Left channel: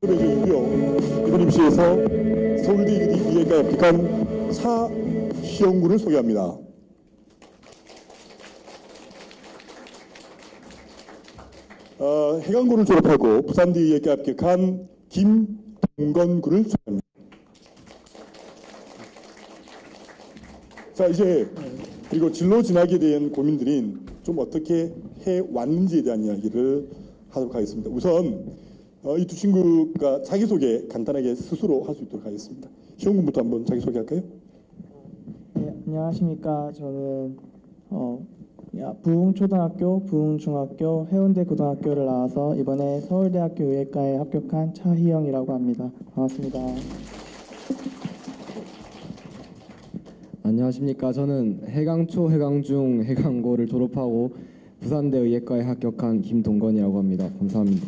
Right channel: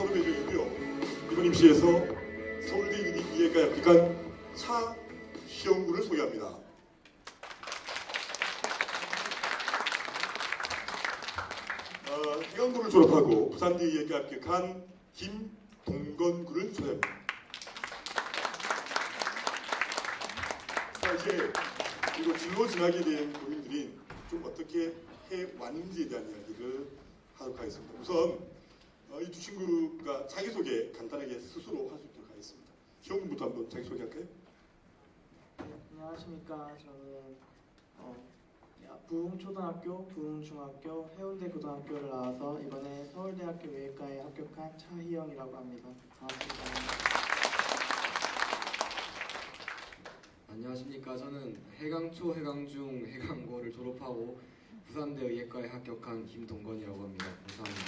서울대이고요. 이번 입시에서 서울대 이해과에 합격한 차시영군을 소개합니다. 해강고를 졸업하고 부산대 이해과에 합격한 김동건군을 소개합니다. 자, 이제 그리고 진로 진학에 대한 고민들인 좀 어떻게 해왔는지에 대한 이야기를 하도록 하겠습니다. 우선 이 두 친구가 자기소개 간단하게 스스로 할 수 있도록 하겠습니다. 시영군부터 한번 자기소개 할까요? 네, 안녕하십니까. 저는 부흥초등학교, 부흥중학교, 해운대 고등학교를 나와서 이번에 서울대학교 의예과에 합격한 차희영이라고 합니다. 반갑습니다. 안녕하십니까. 저는 해강초, 해강중, 해강고를 졸업하고 부산대 의예과에 합격한 김동건이라고 합니다. 감사합니다.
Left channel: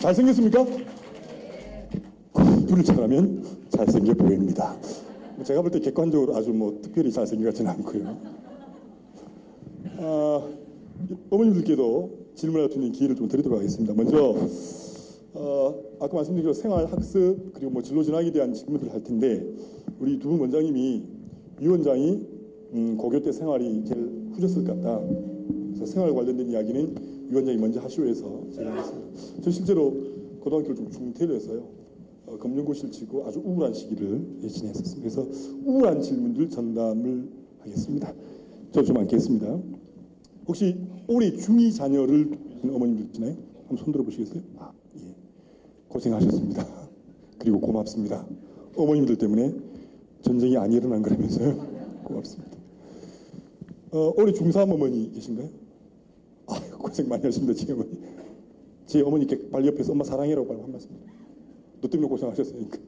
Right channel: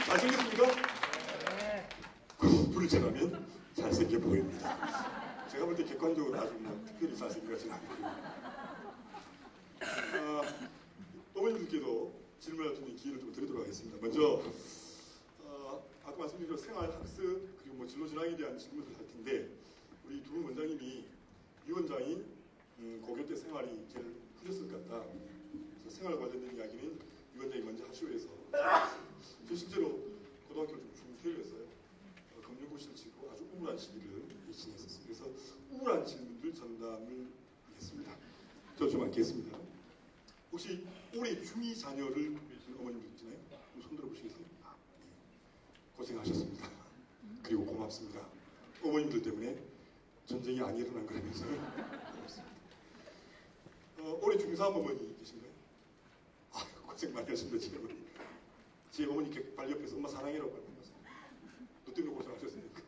잘생겼습니까? 공부를 잘하면 잘생겨 보입니다. 제가 볼 때 객관적으로 아주 특별히 잘생긴 것 같지는 않고요. 어머님들께도 질문할 수 있는 기회를 좀 드리도록 하겠습니다. 먼저 아까 말씀드린 대로 생활학습 그리고 진로 진학에 대한 질문을 할 텐데 우리 두 분 원장님이 위 원장이 고교 때 생활이 제일 후졌을 것 같다. 그래서 생활 관련된 이야기는 위 원장이 먼저 하시오 해서 저 실제로 고등학교를 좀 중퇴를 했어요. 검정고시를 치고 아주 우울한 시기를 지냈었습니다. 그래서 우울한 질문들 전담을 하겠습니다. 저 좀 앉겠습니다. 혹시 올해 중2 자녀를 두는 어머님들 있나요? 한번 손 들어보시겠어요? 예. 고생하셨습니다. 그리고 고맙습니다. 어머님들 때문에 전쟁이 안 일어난 거라면서요. 고맙습니다. 올해 중3 어머니 계신가요? 고생 많이 하십니다. 제 어머니께 발 옆에서 엄마 사랑해라고 한 말씀. 너 때문에 고생하셨으니까.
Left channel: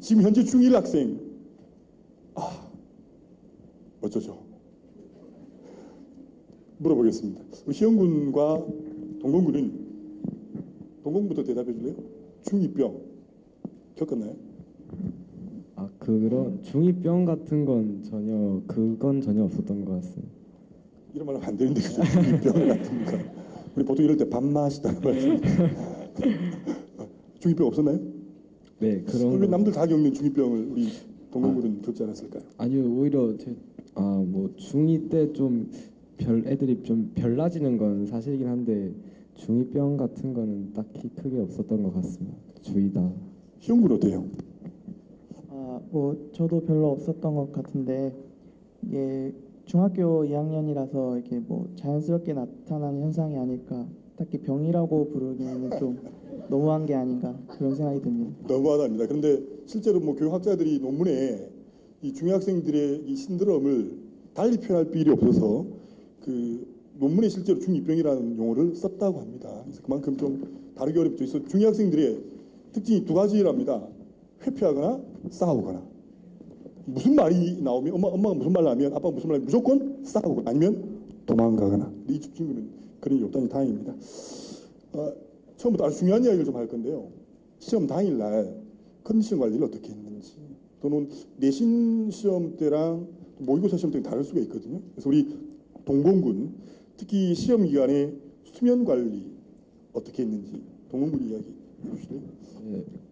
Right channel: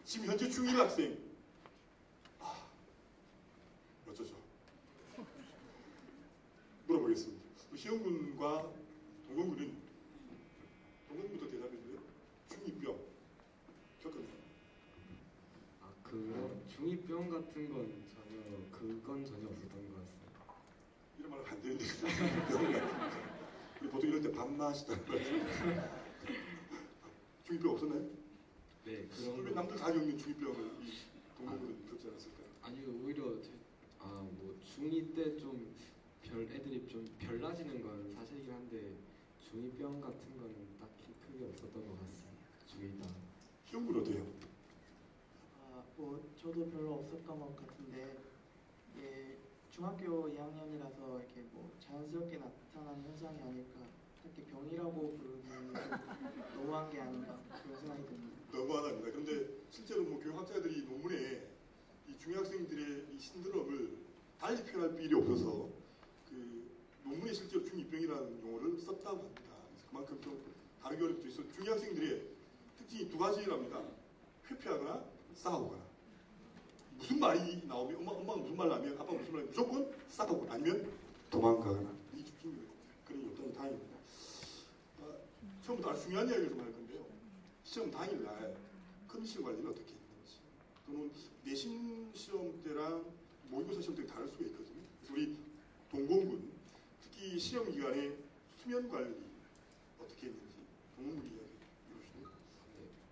지금 현재 중1 학생. 어쩌죠? 물어보겠습니다. 우리 시영군과 동건군부터 대답해 줄래요? 중2병 겪었나요? 그런 중2병 같은 건 전혀 없었던 것 같습니다. 이런 말 하면 안 되는데 중2병 같으니까. 우리 보통 이럴 때 밥맛이다는 말씀. 중2병 없었나요? 네, 그런. 왜 남들 다 겪는 중2병을 우리 동건군은 겪지 않았을까요? 아니요, 오히려 중2 때 좀 애들이 좀 별나지는 건 사실이긴 한데 중2병 같은 거는 딱히 크게 없었던 것 같습니다. 주의다. 시영군 어때요? 저도 별로 없었던 것 같은데 이게 중학교 2학년이라서 이렇게 자연스럽게 나타나는 현상이 아닐까. 딱히 병이라고 부르기에는 좀 너무한 게 아닌가 그런 생각이 듭니다. 너무하답니다. 그런데 실제로 교육학자들이 논문에 이 중학생들의 이 신드롬을 달리 표현할 필요 없어서 그 논문에 실제로 중2병이라는 용어를 썼다고 합니다. 그래서 그만큼 좀 다르게 어렵죠. 그래서 중학생들의 특징이 두 가지랍니다. 회피하거나 싸우거나. 무슨 말이 나오면 엄마가 무슨 말을 하면 아빠가 무슨 말을 하면 무조건 싸우고 아니면 도망가거나. 이 친구는 그런 게 없다니 다행입니다. 처음부터 아주 중요한 이야기를 좀 할 건데요. 시험 당일날 컨디션 관리를 어떻게 했는지 또는 내신 시험 때랑 모의고사 시험 때랑 다를 수가 있거든요. 그래서 우리 동건군 특히 시험 기간에 수면 관리 어떻게 했는지 동건군 이야기 해주실래요?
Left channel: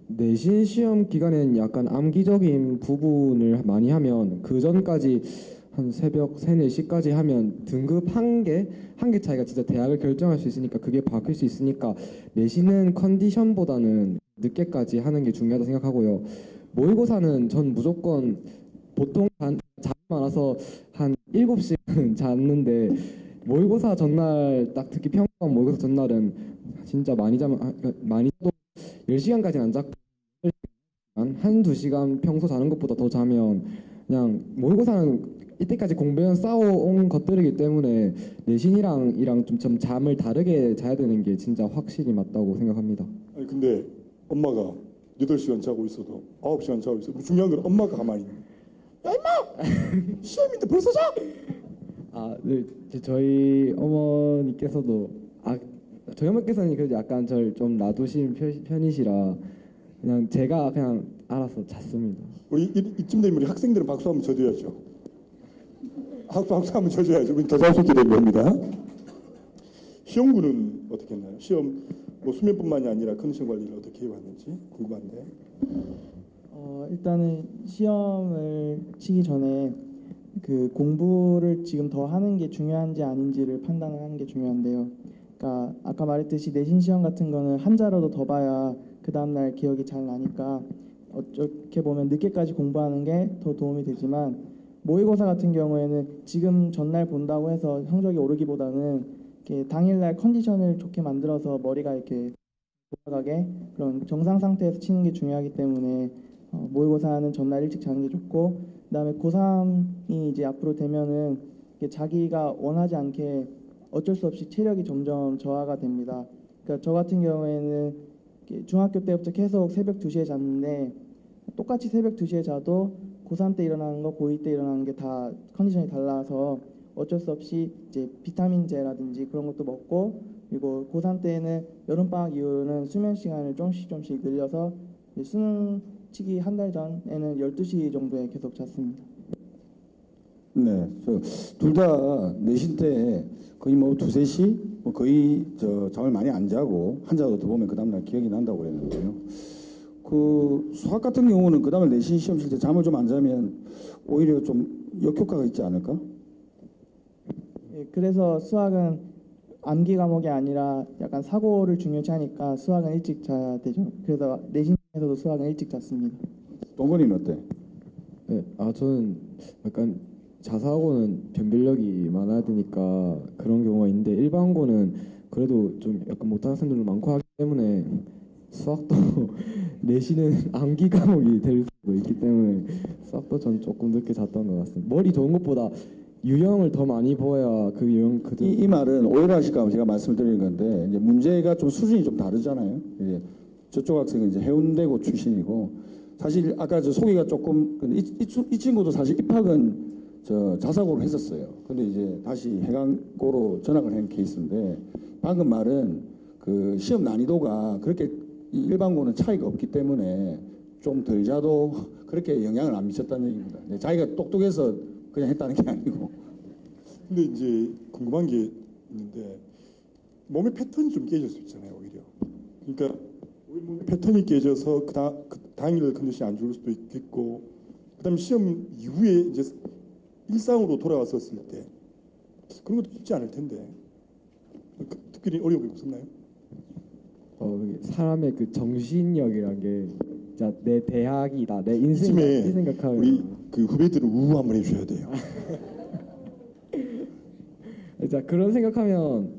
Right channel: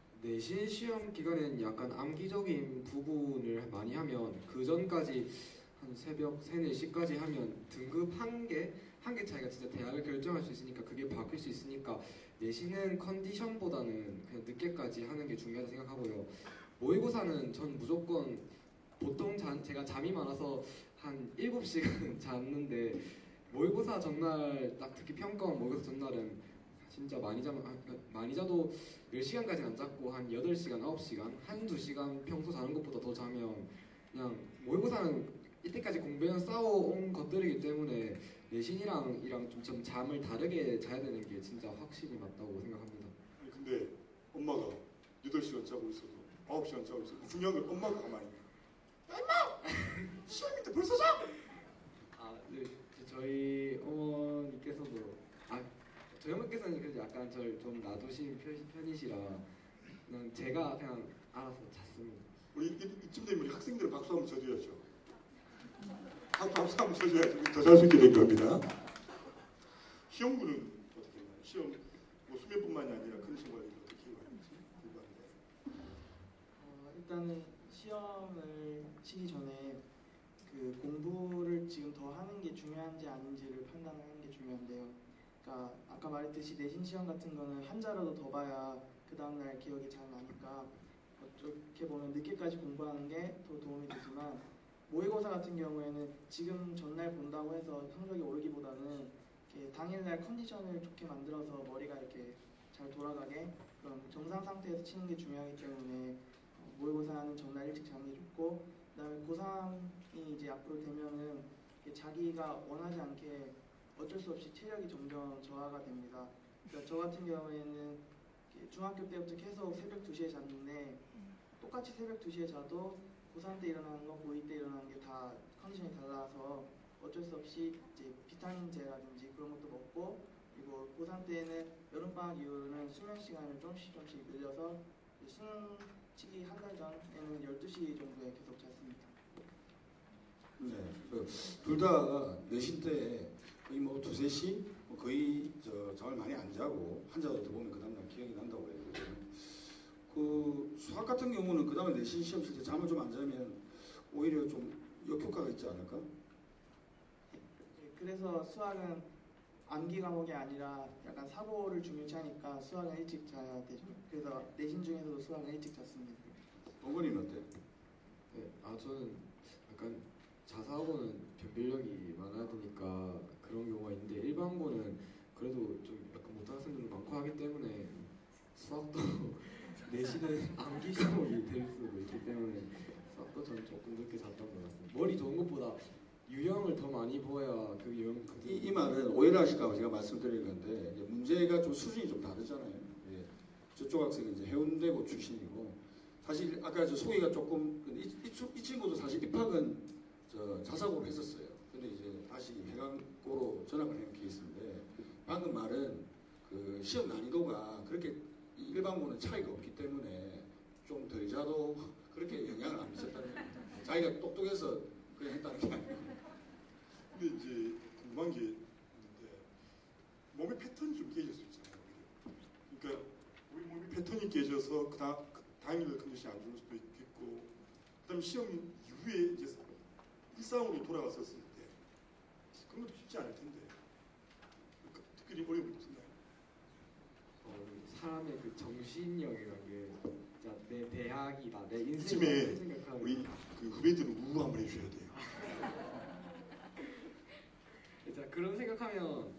내신 시험 기간에는 약간 암기적인 부분을 많이 하면 그 전까지 한 새벽 3, 4시까지 하면 등급 한 개 차이가 진짜 대학을 결정할 수 있으니까 그게 바뀔 수 있으니까 내신은 컨디션보다는 늦게까지 하는 게 중요하다고 생각하고요. 모의고사는 전 무조건 보통 제가 잠이 많아서 한 7시간 잤는데 모의고사 전날 딱 특히 평가원 모의고사 전날은 진짜 많이 자도 10시간까지는 안 잤고 한 8시간, 9시간, 한두 시간 평소 자는 것보다 더 자면 그냥 모의고사는 이때까지 공부해온 쌓아온 것들이기 때문에 내신이랑 좀 잠을 다르게 자야 되는 게 진짜 확실히 맞다고 생각합니다. 아니 근데 엄마가 8시간 자고 있어도 9시간 자고 있어도 중요한 건 엄마가 가만히 있는 거야. 야 임마! 시험인데 벌써 자! 네. 저희 어머니께서도 저희 어머니께서는 그래도 약간 저를 좀 놔두신 편이시라 그냥 제가 그냥 알아서 잤습니다. 우리 이쯤 되면 우리 학생들은 박수 한번 쳐줘야죠. 박수 한번 쳐줘야죠. 더 잘 수 있게 된 겁니다. 시험군은 어떻게 했나요? 시험 뭐 수면뿐만이 아니라 컨디션 관리를 어떻게 해야 하는지 궁금한데. 일단은 시험을 치기 전에 그 공부를 지금 더 하는 게 중요한지 아닌지를 판단하는 게 중요한데요. 그러니까 아까 말했듯이 내신 시험 같은 거는 한자라도 더 봐야 그 다음날 기억이 잘 나니까 어떻게 보면 늦게까지 공부하는 게 더 도움이 되지만 모의고사 같은 경우에는 지금 전날 본다고 해서 성적이 오르기보다는 이렇게 당일날 컨디션을 좋게 만들어서 머리가 이렇게 잘 돌아가게 그런 정상 상태에서 치는 게 중요하기 때문에 모의고사는 전날 일찍 자는 게 좋고 그다음에 고3이 이제 앞으로 되면은 이게 자기가 원하지 않게 어쩔 수 없이 체력이 점점 저하가 됩니다. 그러니까 저 같은 경우에는 이렇게 중학교 때부터 계속 새벽 2시에 잤는데 똑같이 새벽 2시에 자도 고3 때 일어나는 거 고2 때 일어나는 게 다 컨디션이 달라서 어쩔 수 없이 이제 비타민제라든지 그런 것도 먹고 그리고 고3 때는 여름방학 이후로는 수면 시간을 조금씩 늘려서 수능 치기 한 달 전에는 12시 정도에 계속 잤습니다. 네, 둘 다 내신 때 거의 뭐 2-3시 뭐 거의 잠을 많이 안 자고 한자도 더 보면 그 다음날 기억이 난다고 그랬는데요. 그 수학 같은 경우는 그 다음에 내신 시험 칠 때 잠을 좀 안 자면 오히려 좀 역효과가 있지 않을까? 예, 그래서 수학은 암기 과목이 아니라 약간 사고를 중요시 하니까 수학은 일찍 자야 되죠. 그래서 내신 중에서도 수학은 일찍 잤습니다. 동건이는 어때? 네, 저는 약간 자사고는 변별력이 많아야 되니까 그런 경우가 있는데 일반고는 그래도 좀 약간 못하는 학생들도 많고 하기 때문에 수학도 내신은 암기 과목이 될 수도 있기 때문에 수학도 전 조금 늦게 잤던 것 같습니다. 머리 좋은 것보다 유형을 더 많이 보여야 그 유형 그대로. 이 말은 오해가 하실까 봐 제가 말씀드리는 건데 이제 문제가 좀 수준이 좀 다르잖아요. 이제 저쪽 학생은 이제 해운대고 출신이고 사실 아까 저 소개가 조금 이 친구도 사실 입학은 저 자사고로 했었어요. 근데 이제 다시 해강고로 전학을 한 케이스인데 방금 말은 그 시험 난이도가 그렇게 일반고는 차이가 없기 때문에 좀 덜 자도 그렇게 영향을 안 미쳤다는 얘기입니다. 자기가 똑똑해서 그냥 했다는 게 아니고. 근데 이제 궁금한 게 있는데 몸의 패턴이 좀 깨질 수 있잖아요, 오히려. 그러니까 우리 몸의 패턴이 깨져서 그 당일 컨디션이 안 좋을 수도 있겠고, 그다음 시험 이후에 이제 일상으로 돌아왔었을 때 그런 것도 쉽지 않을 텐데 특별히 어려움이 없었나요? 사람의 그 정신력이란 게 진짜 내 대학이다, 내 인생이다 이쯤에 이 생각하면 우리 그 후배들은 우우 한번 해주셔야 돼요. 진짜 그런 생각하면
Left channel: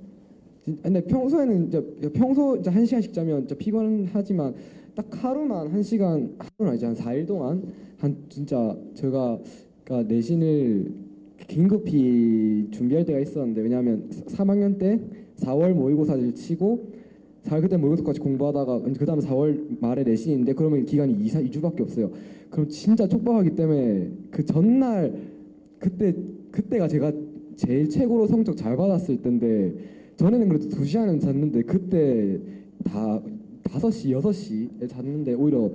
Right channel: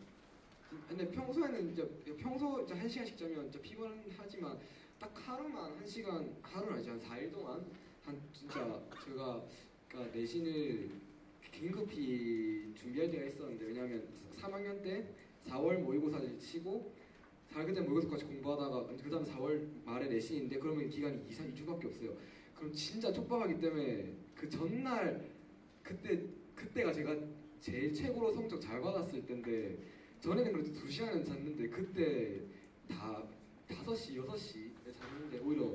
근데 평소에는 평소 이제 1시간씩 자면 진짜 피곤하지만 딱 하루만 1시간 하루는 아니지 한 4일 동안 한 진짜 제가 그러니까 내신을 긴급히 준비할 때가 있었는데 왜냐하면 3학년 때 4월 모의고사를 치고 4월 그때 모의고사까지 공부하다가 그 다음에 4월 말에 내신인데 그러면 기간이 2주밖에 없어요. 그럼 진짜 촉박하기 때문에 그 전날 그때가 제가 제일 최고로 성적 잘 받았을 때인데 전에는 그래도 2시간은 잤는데 그때 다 5시, 6시에 잤는데 오히려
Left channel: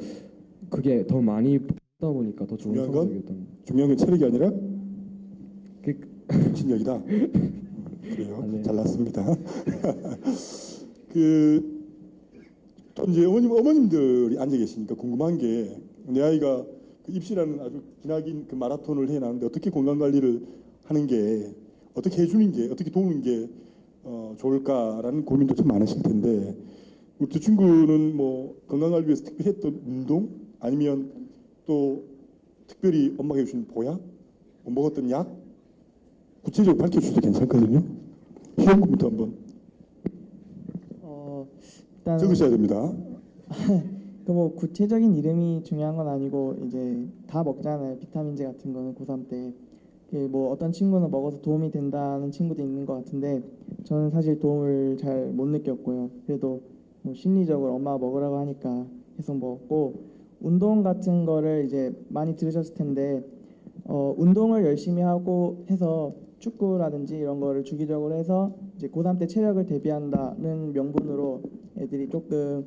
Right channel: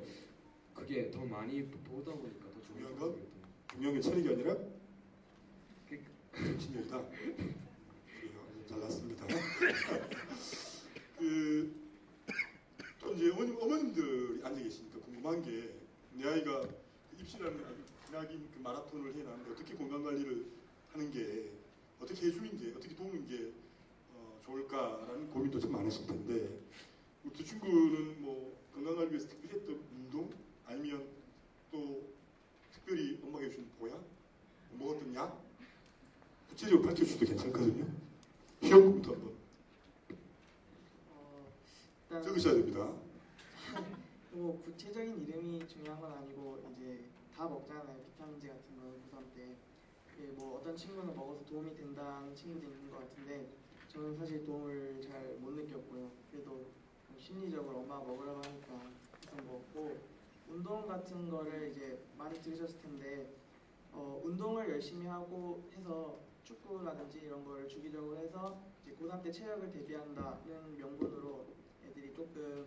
그게 더 많이 보다 보니까 더 좋은 중요한 건? 성적이었던 것 중요한 건 체력이 아니라 그- 정신력이다. 그래요. 네. 잘났습니다. 또 이제 어머님들이 앉아 계시니까 궁금한 게 내 아이가 그 입시라는 아주 기나긴 그 마라톤을 해놨는데 어떻게 건강 관리를 하는 게 어떻게 해주는 게 어떻게 도우는 게 좋을까라는 고민도 참 많으실 텐데 우리 두 친구는 뭐 건강 관리 위해서 특별히 했던 운동 아니면 또 특별히 엄마가 해주신 보약, 뭐 먹었던 약 구체적으로 밝혀주셔도 괜찮거든요. 시험부터 한번 일단 적으셔야 됩니다. 뭐 구체적인 이름이 중요한 건 아니고 이제 다 먹잖아요. 비타민제 같은 거는 고3 때. 뭐 어떤 친구는 먹어서 도움이 된다는 친구도 있는 것 같은데 저는 사실 도움을 잘 못 느꼈고요. 그래도 뭐 심리적으로 엄마가 먹으라고 하니까 계속 먹었고 운동 같은 거를 이제 많이 들으셨을 텐데 운동을 열심히 하고 해서 축구라든지 이런 거를 주기적으로 해서 이제 고3 때 체력을 대비한다는 명분으로 애들이 조금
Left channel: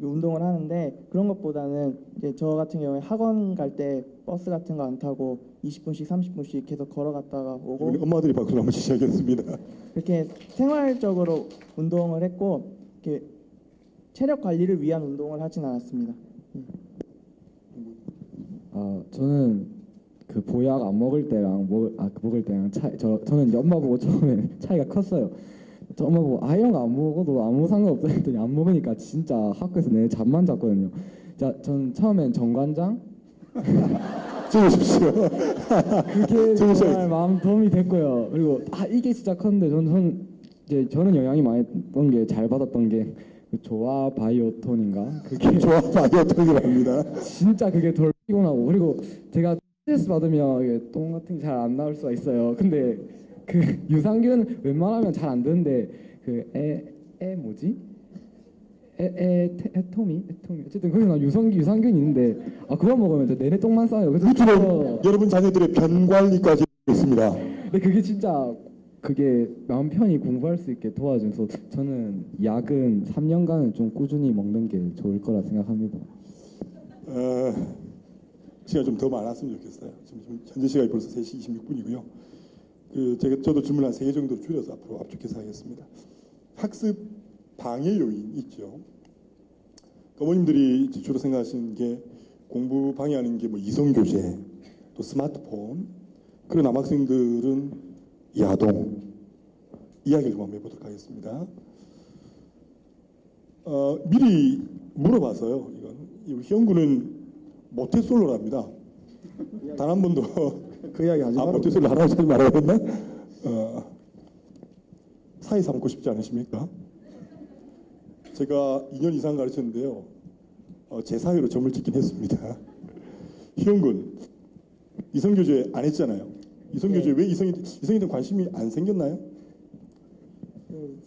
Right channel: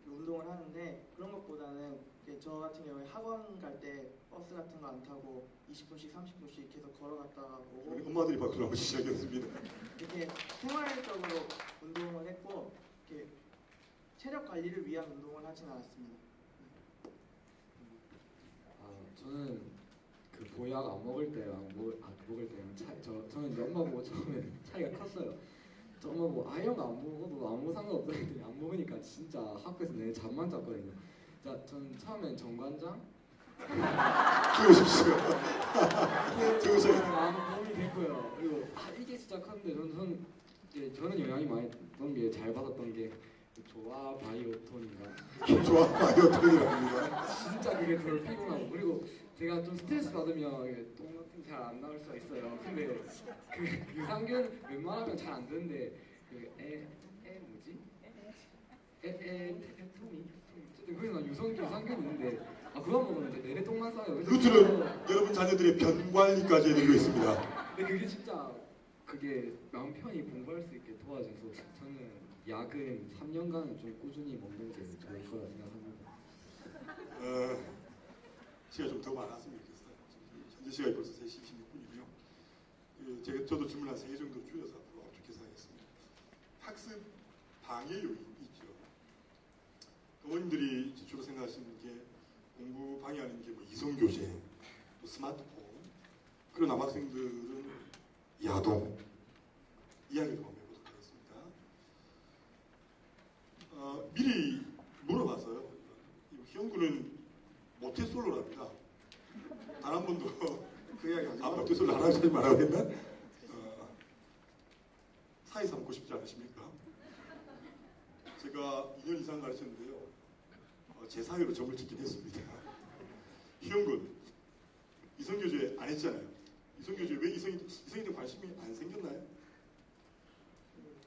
운동을 하는데 그런 것보다는 이제 저 같은 경우에 학원 갈 때 버스 같은 거 안 타고 20분씩 30분씩 계속 걸어갔다가 오고 우리 엄마들이 박수 한번 시작했습니다. 이렇게 생활적으로 운동을 했고 이렇게 체력 관리를 위한 운동을 하진 않았습니다. 저는 그 보약 안 먹을 때랑 먹을 때랑 저는 이제 엄마 보고 처음에 차이가 컸어요. 저 엄마 보고 아이언 안 먹어도 아무 상관없다 했더니 안 먹으니까 진짜 학교에서 내 잠만 잤거든요. 전 처음엔 정관장 찍으십시오. 그게 정말 많은 도움이 됐고요. 그리고 이게 진짜 컸는데 저는 영향이 많이 받던 게 잘 받았던 게 조화 바이오톤인가 그게 조합 바이오톤이랍니다. 진짜 그게 덜 피곤하고 그리고 제가 스트레스 받으면 이게 똥 같은 게 잘 안 나올 수가 있어요. 근데 그 유산균 웬만하면 잘 안 되는데 그 뭐지? 에토미 어쨌든 거기서 유산균이 있는데 그거 먹으면 이제 내내 똥만 싸요. 무트는 여러분 자녀들의 변관리까지 해드리겠습니다. 근데 그게 진짜 그게 마음 편히 공부할 수 있게 도와줘서 저는 약은 3년간은 좀 꾸준히 먹는 게 좋을 거라 생각합니다. 시간이 좀 더 많았으면 좋겠어요. 지금 현재 시간이 벌써 3시 26분이고요. 저도 질문 한 3개 정도 줄여서 앞으로 압축해서 하겠습니다. 학습 방해 요인 있죠. 어머님들이 주로 생각하시는 게 공부 방해하는 게 뭐 이성교제, 또 스마트폰. 그런 남학생들은 야동. 이야기를 좀 한번 해보도록 하겠습니다. 미리 물어봐서요. 희영군은 모태솔로랍니다. 단 한 번도 그 이야기 하지 말고. 모태솔로 하라고 소리 말하고 했나? 사회 삼고 싶지 않으십니까? 제가 2년 이상 가르쳤는데요. 제 사회로 점을 찍긴 했습니다. 희영군, 이성교제 안 했잖아요. 이성교제 왜 이성에 대한 관심이 안 생겼나요?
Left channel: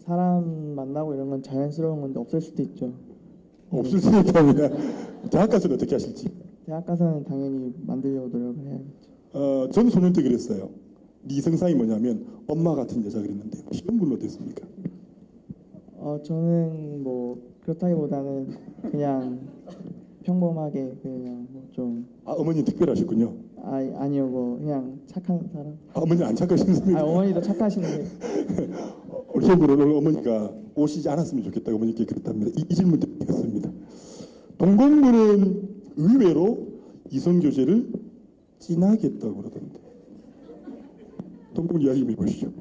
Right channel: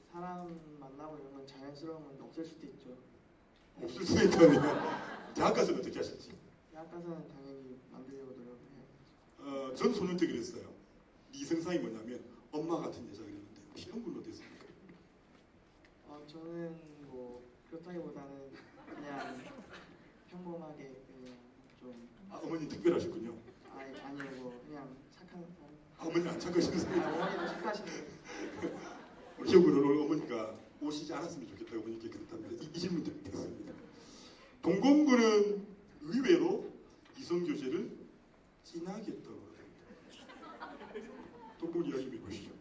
사람 만나고 이런 건 자연스러운 건데 없을 수도 있죠. 없을 수 있다면 대학 가서는 어떻게 하실지. 대학 가서는 당연히 만들려고 노력을 해야겠죠. 전 소년 때 그랬어요. 네 이성사이 뭐냐면 엄마 같은 여자 그랬는데 희영군은 어땠습니까? 저는 뭐 그렇다기보다는 그냥 평범하게 그냥 뭐좀 어머니 특별하셨군요. 아니요 뭐 그냥 착한 사람. 어머니 안 착하시는데 어머니도 착하시는 게 우리 희영군은 어머니가 오시지 않았으면 좋겠다 어머니께 그랬답니다. 이 질문 드리겠습니다. 동공부는 의외로 이성교제를 진하게 했다고 그러던데. 동공 이야기 좀 해보시죠.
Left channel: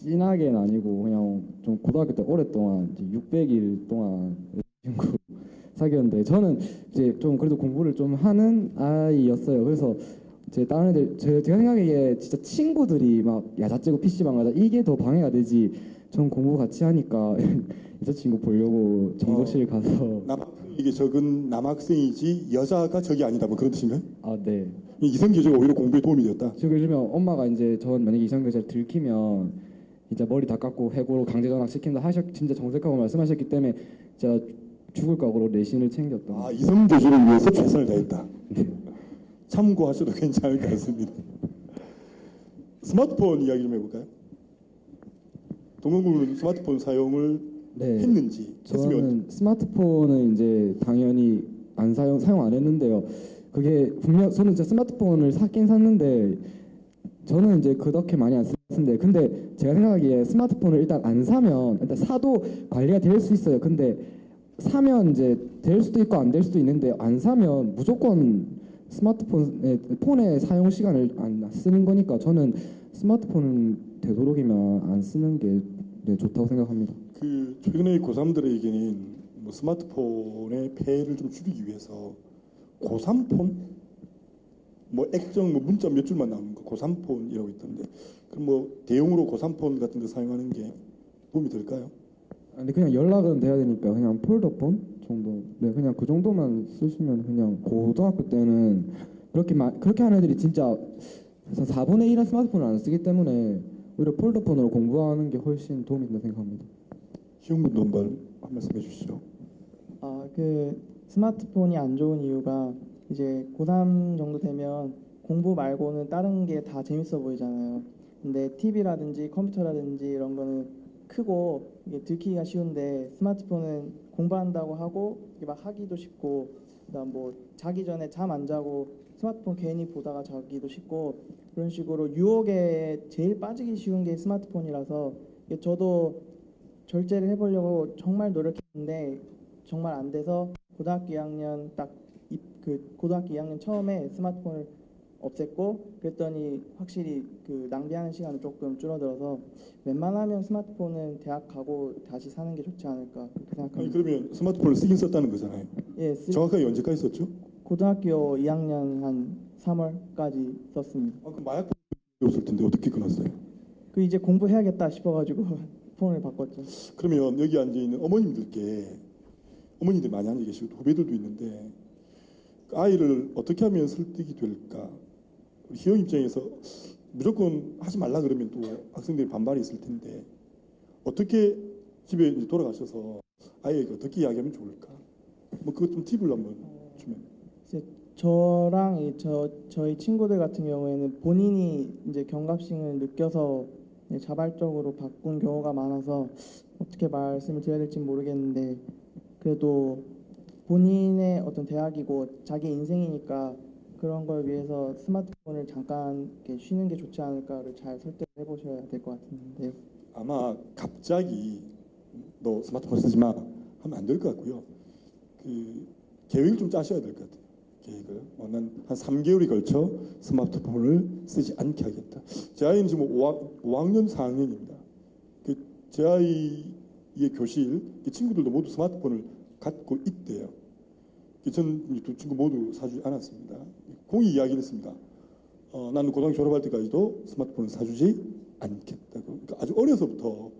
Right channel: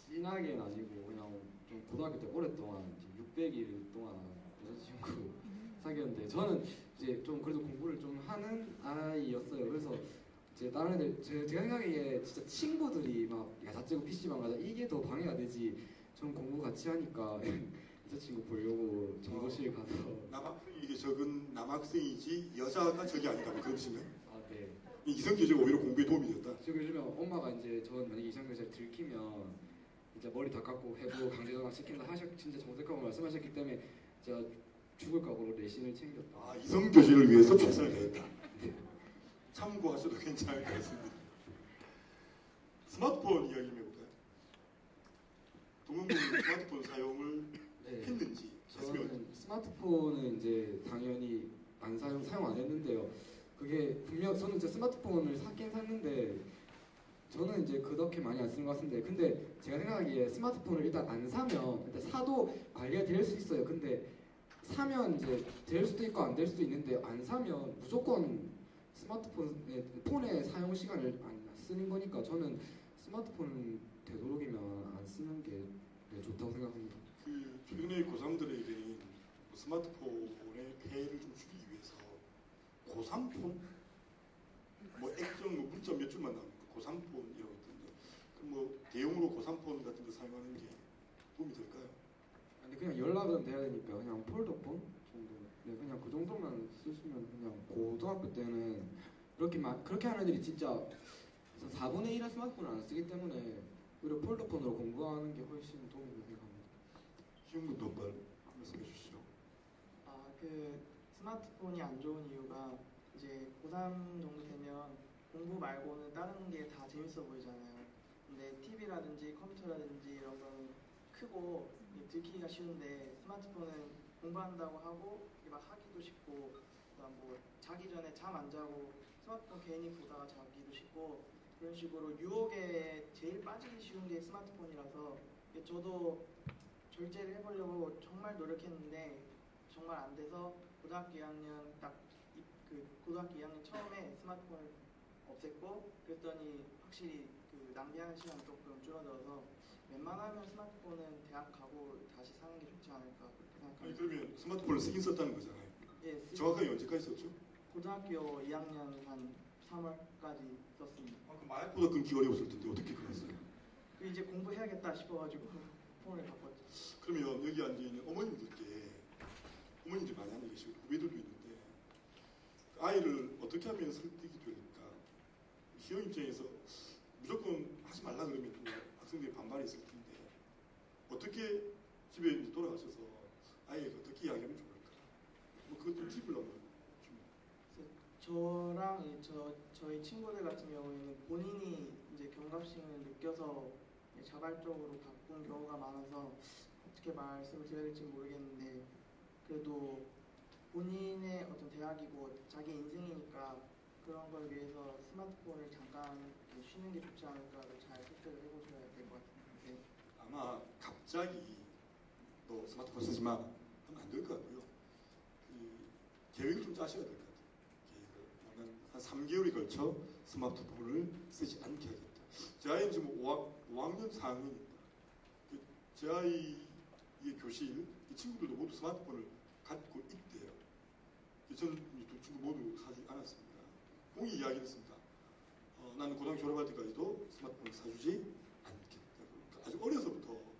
진하게는 아니고 그냥 좀 고등학교 때 오랫동안 이제 600일 동안 여자친구 사귀었는데 저는 이제 좀 그래도 공부를 좀 하는 아이였어요. 그래서 다른 애들 제가 생각하기에 진짜 친구들이 막 야자찌고 PC방 가자 이게 더 방해가 되지. 전 공부 같이 하니까 여자친구 보려고 정보실 가서 이게 적은 남학생이지 여자가 적이 아니다 뭐 그런 뜻인가요? 네. 이성교제가 오히려 공부에 도움이 됐다. 지금 요즘에 엄마가 이제 전 만약에 이성교제를 들키면 진짜 머리 다 깎고 해고 강제 전학 시킨다 진짜 정색하고 말씀하셨기 때문에 진짜 죽을 각오로 내신을 챙겼던. 이성교제를 위해서 최선을 다했다. 참고하셔도 괜찮을 것 같습니다. 스마트폰 이야기 좀 해볼까요? 동영군은 스마트폰 사용을 했는지 저는 스마트폰은 이제 당연히 사용 안 했는데요. 그게 분명 저는 진짜 스마트폰을 샀긴 샀는데 저는 이제 그렇게 많이 안 쓰는 것 같은데 근데 제가 생각하기에 스마트폰을 일단 안 사면 일단 사도 관리가 될 수 있어요. 근데 사면 이제 될 수도 있고 안 될 수도 있는데 안 사면 무조건 폰의 사용 시간을 안 쓰는 거니까 저는 스마트폰은 되도록이면 안 쓰는 게 좋다고 생각합니다. 최근에 고3들에게는 뭐 스마트폰의 폐해를 좀 줄이기 위해서 고3폰? 뭐 액정 문자 몇 줄만 나오는 거 고3폰이라고 있던데 그럼 뭐 대용으로 고3폰 같은 거 사용하는 게 도움이 될까요? 근데 그냥 연락은 돼야 되니까 그냥 폴더폰 정도 그냥 그 정도만 쓰시면 그냥 고등학교 때는 그렇게 하는 애들이 진짜 4분의 1은 스마트폰을 안 쓰기 때문에 오히려 폴더폰으로 공부하는 게 훨씬 도움이 된다고 생각합니다. 희영군도 한번 한 말씀 해주시죠. 그 스마트폰이 안 좋은 이유가 이제 고3 정도 되면 공부 말고는 다른 게 다 재밌어 보이잖아요. 근데 TV라든지 컴퓨터라든지 이런 거는 크고 이게 들키기가 쉬운데 스마트폰은 공부한다고 하고 막 하기도 쉽고 그다음 뭐 자기 전에 잠 안 자고 스마트폰 괜히 보다가 자기도 쉽고 그런 식으로 유혹에 제일 빠지기 쉬운 게 스마트폰이라서 저도 절제를 해보려고 정말 노력했는데 정말 안 돼서 고등학교 2학년 고등학교 2학년 처음에 스마트폰을 없앴고 그랬더니 확실히 그 낭비하는 시간이 조금 줄어들어서 웬만하면 스마트폰은 대학 가고 다시 사는 게 좋지 않을까 그렇게 아니, 생각합니다. 그러면 스마트폰을 쓰긴 썼다는 거잖아요. 예, 정확하게 언제까지 썼죠? 고등학교 2학년 한 3월까지 썼습니다. 그 마약보다 끊기가 어려웠을 텐데 어떻게 끊었어요? 그 이제 공부해야겠다 싶어가지고 폰을 바꿨죠. 그러면 여기 앉아 있는 어머님들 많이 앉아 계시고 후배들도 있는데 그 아이를 어떻게 하면 설득이 될까? 희영 입장에서 무조건 하지 말라 그러면 또 학생들이 반발이 있을 텐데 어떻게 집에 돌아가셔서 아이에게 어떻게 이야기하면 좋을까? 뭐 그것 좀 팁을 한번 주면. 저랑 저희 친구들 같은 경우에는 본인이 이제 경각심을 느껴서 자발적으로 바꾼 경우가 많아서 어떻게 말씀을 드려야 될지 모르겠는데 그래도 본인의 어떤 대학이고 자기 인생이니까 그런 걸 위해서 스마트폰을 잠깐 이렇게 쉬는 게 좋지 않을까를 잘 설득을 해보셔야 될 것 같은데 아마 갑자기 너 스마트폰 쓰지 마 하면 안 될 것 같고요. 그 계획을 좀 짜셔야 될 것 같아요. 계획을 난 한 3개월에 걸쳐 스마트폰을 쓰지 않게 하겠다. 제 아이는 지금 5학년 4학년입니다. 제 아이의 교실 친구들도 모두 스마트폰을 갖고 있대요. 저는 두 친구 모두 사주지 않았습니다. 공이 이야기를 했습니다. 나는 고등학교 졸업할 때까지도 스마트폰을 사주지 않겠다고. 그러니까 아주 어려서부터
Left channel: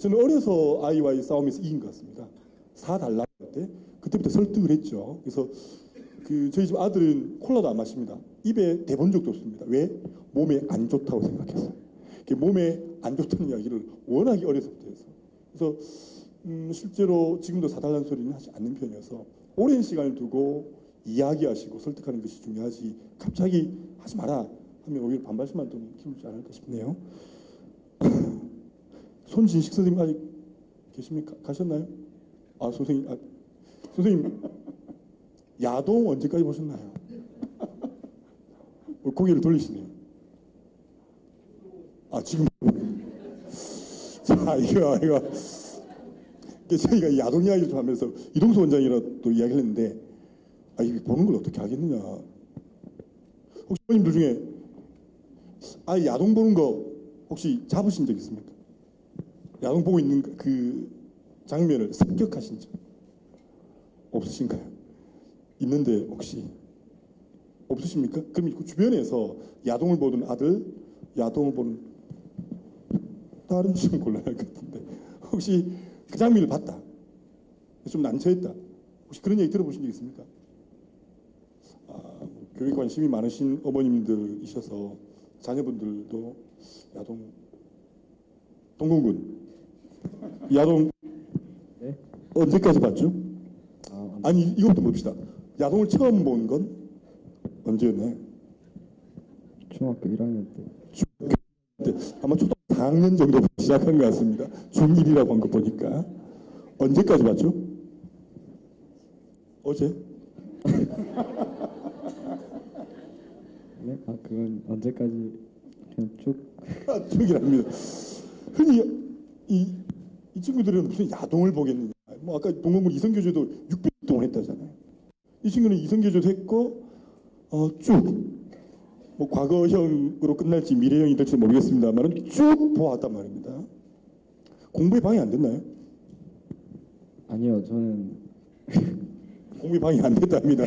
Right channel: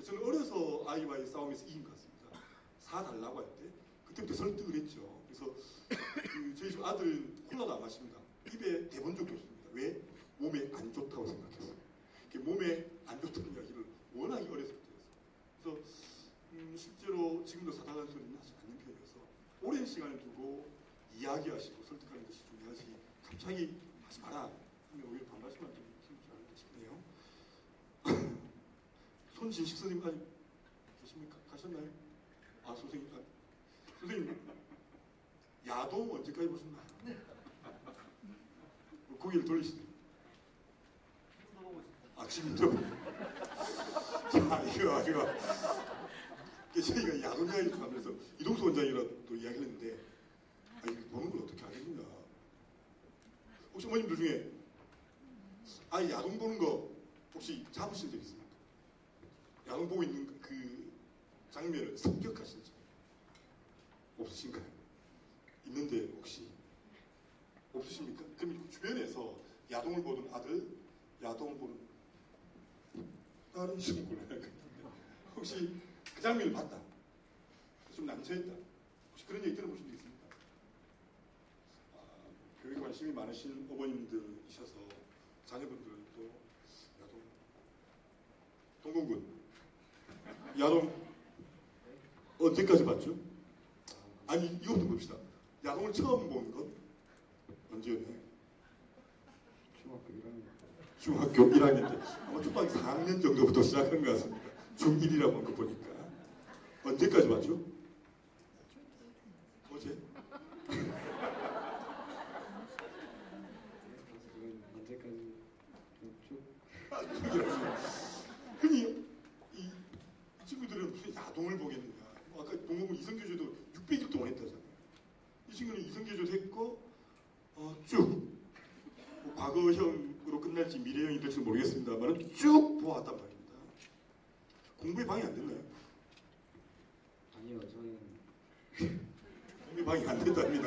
저는 어려서 아이와의 싸움에서 이긴 것 같습니다. 사달라고 할 때 그때부터 설득을 했죠. 그래서 저희 집 아들은 콜라도 안 마십니다. 입에 대본 적도 없습니다. 왜? 몸에 안 좋다고 생각해서. 몸에 안 좋다는 이야기를 워낙에 어려서부터 해서. 그래서 실제로 지금도 사달라는 소리는 하지 않는 편이어서 오랜 시간을 두고 이야기하시고 설득하는 것이 중요하지 갑자기 하지 마라 하면 오히려 반발심만 좀 키우지 않을까 싶네요. 손진식 선생님 아직 계십니까? 가셨나요? 선생님 야동 언제까지 보셨나요? 고개를 돌리시네요. 지금부터. 자, 이거. 저희가 야동 이야기를 좀 하면서 이동수 원장이랑 또 이야기를 했는데, 이거 보는 걸 어떻게 하겠느냐. 혹시 어머님들 중에, 야동 보는 거 혹시 잡으신 적 있습니까? 야동 보고 있는 그 장면을 습격하신 적 없으신가요? 있는데 혹시 없으십니까? 그럼 그 주변에서 야동을 보던 아들, 야동을 보는 다른 친구 골라야 할 것 같은데 혹시 그 장면을 봤다. 좀 난처했다. 혹시 그런 얘기 들어보신 적 있습니까? 교육 관심이 많으신 어머님들이셔서 자녀분들도 야동 동공군 야동 네? 언제까지 봤죠? 아니 이것도 봅시다. 야동을 처음 본 건 언제였나요? 중학교 1학년 때. 중학교 1학년 때 아마 초등학교 4학년 정도부터 시작한 것 같습니다. 중1이라고 한 거 보니까 언제까지 봤죠? 어제? 네? 그건 언제까지 그냥 쭉. 중이라고요. 흔히 이 친구들은 무슨 야동을 보겠느냐. 아까 동공군 이성교조도 600일 동안 했다잖아요. 이 친구는 이성교조도 했고 쭉 과거형으로 끝날지 미래형이 될지 모르겠습니다만 쭉 보았단 말입니다. 공부에 방해 안 됐나요? 아니요, 저는 공부에 방해 안 됐답니다.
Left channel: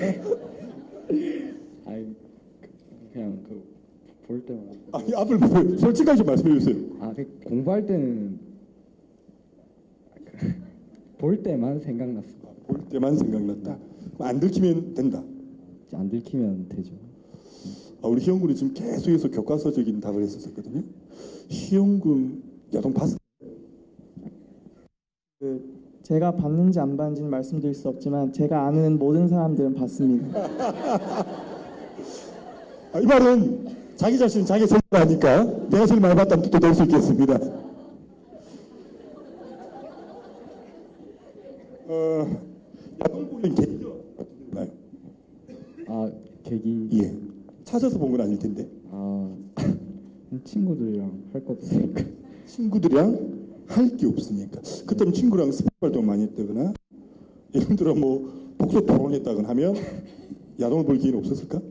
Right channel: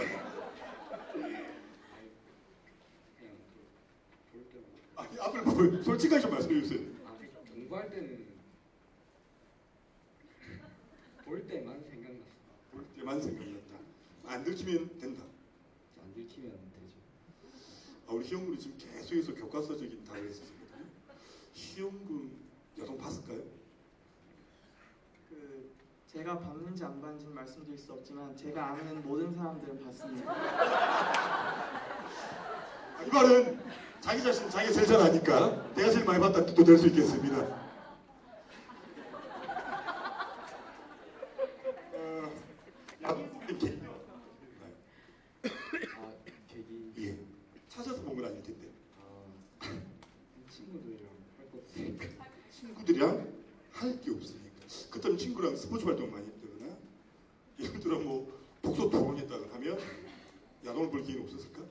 그냥 볼 때만. 앞을 보고 솔직하게 말씀해 주세요. 공부할 때는 볼 때만 생각났습니다. 볼 때만 생각났다. 안 들키면 된다. 안 들키면 되죠. 우리 희영군이 지금 계속해서 교과서적인 답을 했었거든요. 희영군 야동 봤을까요? 제가 봤는지 안 봤는지는 말씀드릴 수 없지만 제가 아는 모든 사람들은 봤습니다. 이 말은 자기 자신 자기 설득을 하니까 내가 제일 많이 봤다는 뜻도 될 수 있겠습니다. 계기. 예. 찾아서 본 건 아닐 텐데. 친구들이랑 할 거 없으니까. 친구들이랑 할 게 없으니까. 그때는 친구랑 스포츠 활동 많이 했다거나 예를 들어 뭐 복서 토론했다거나 하면 야동을 볼 기회는 없었을까?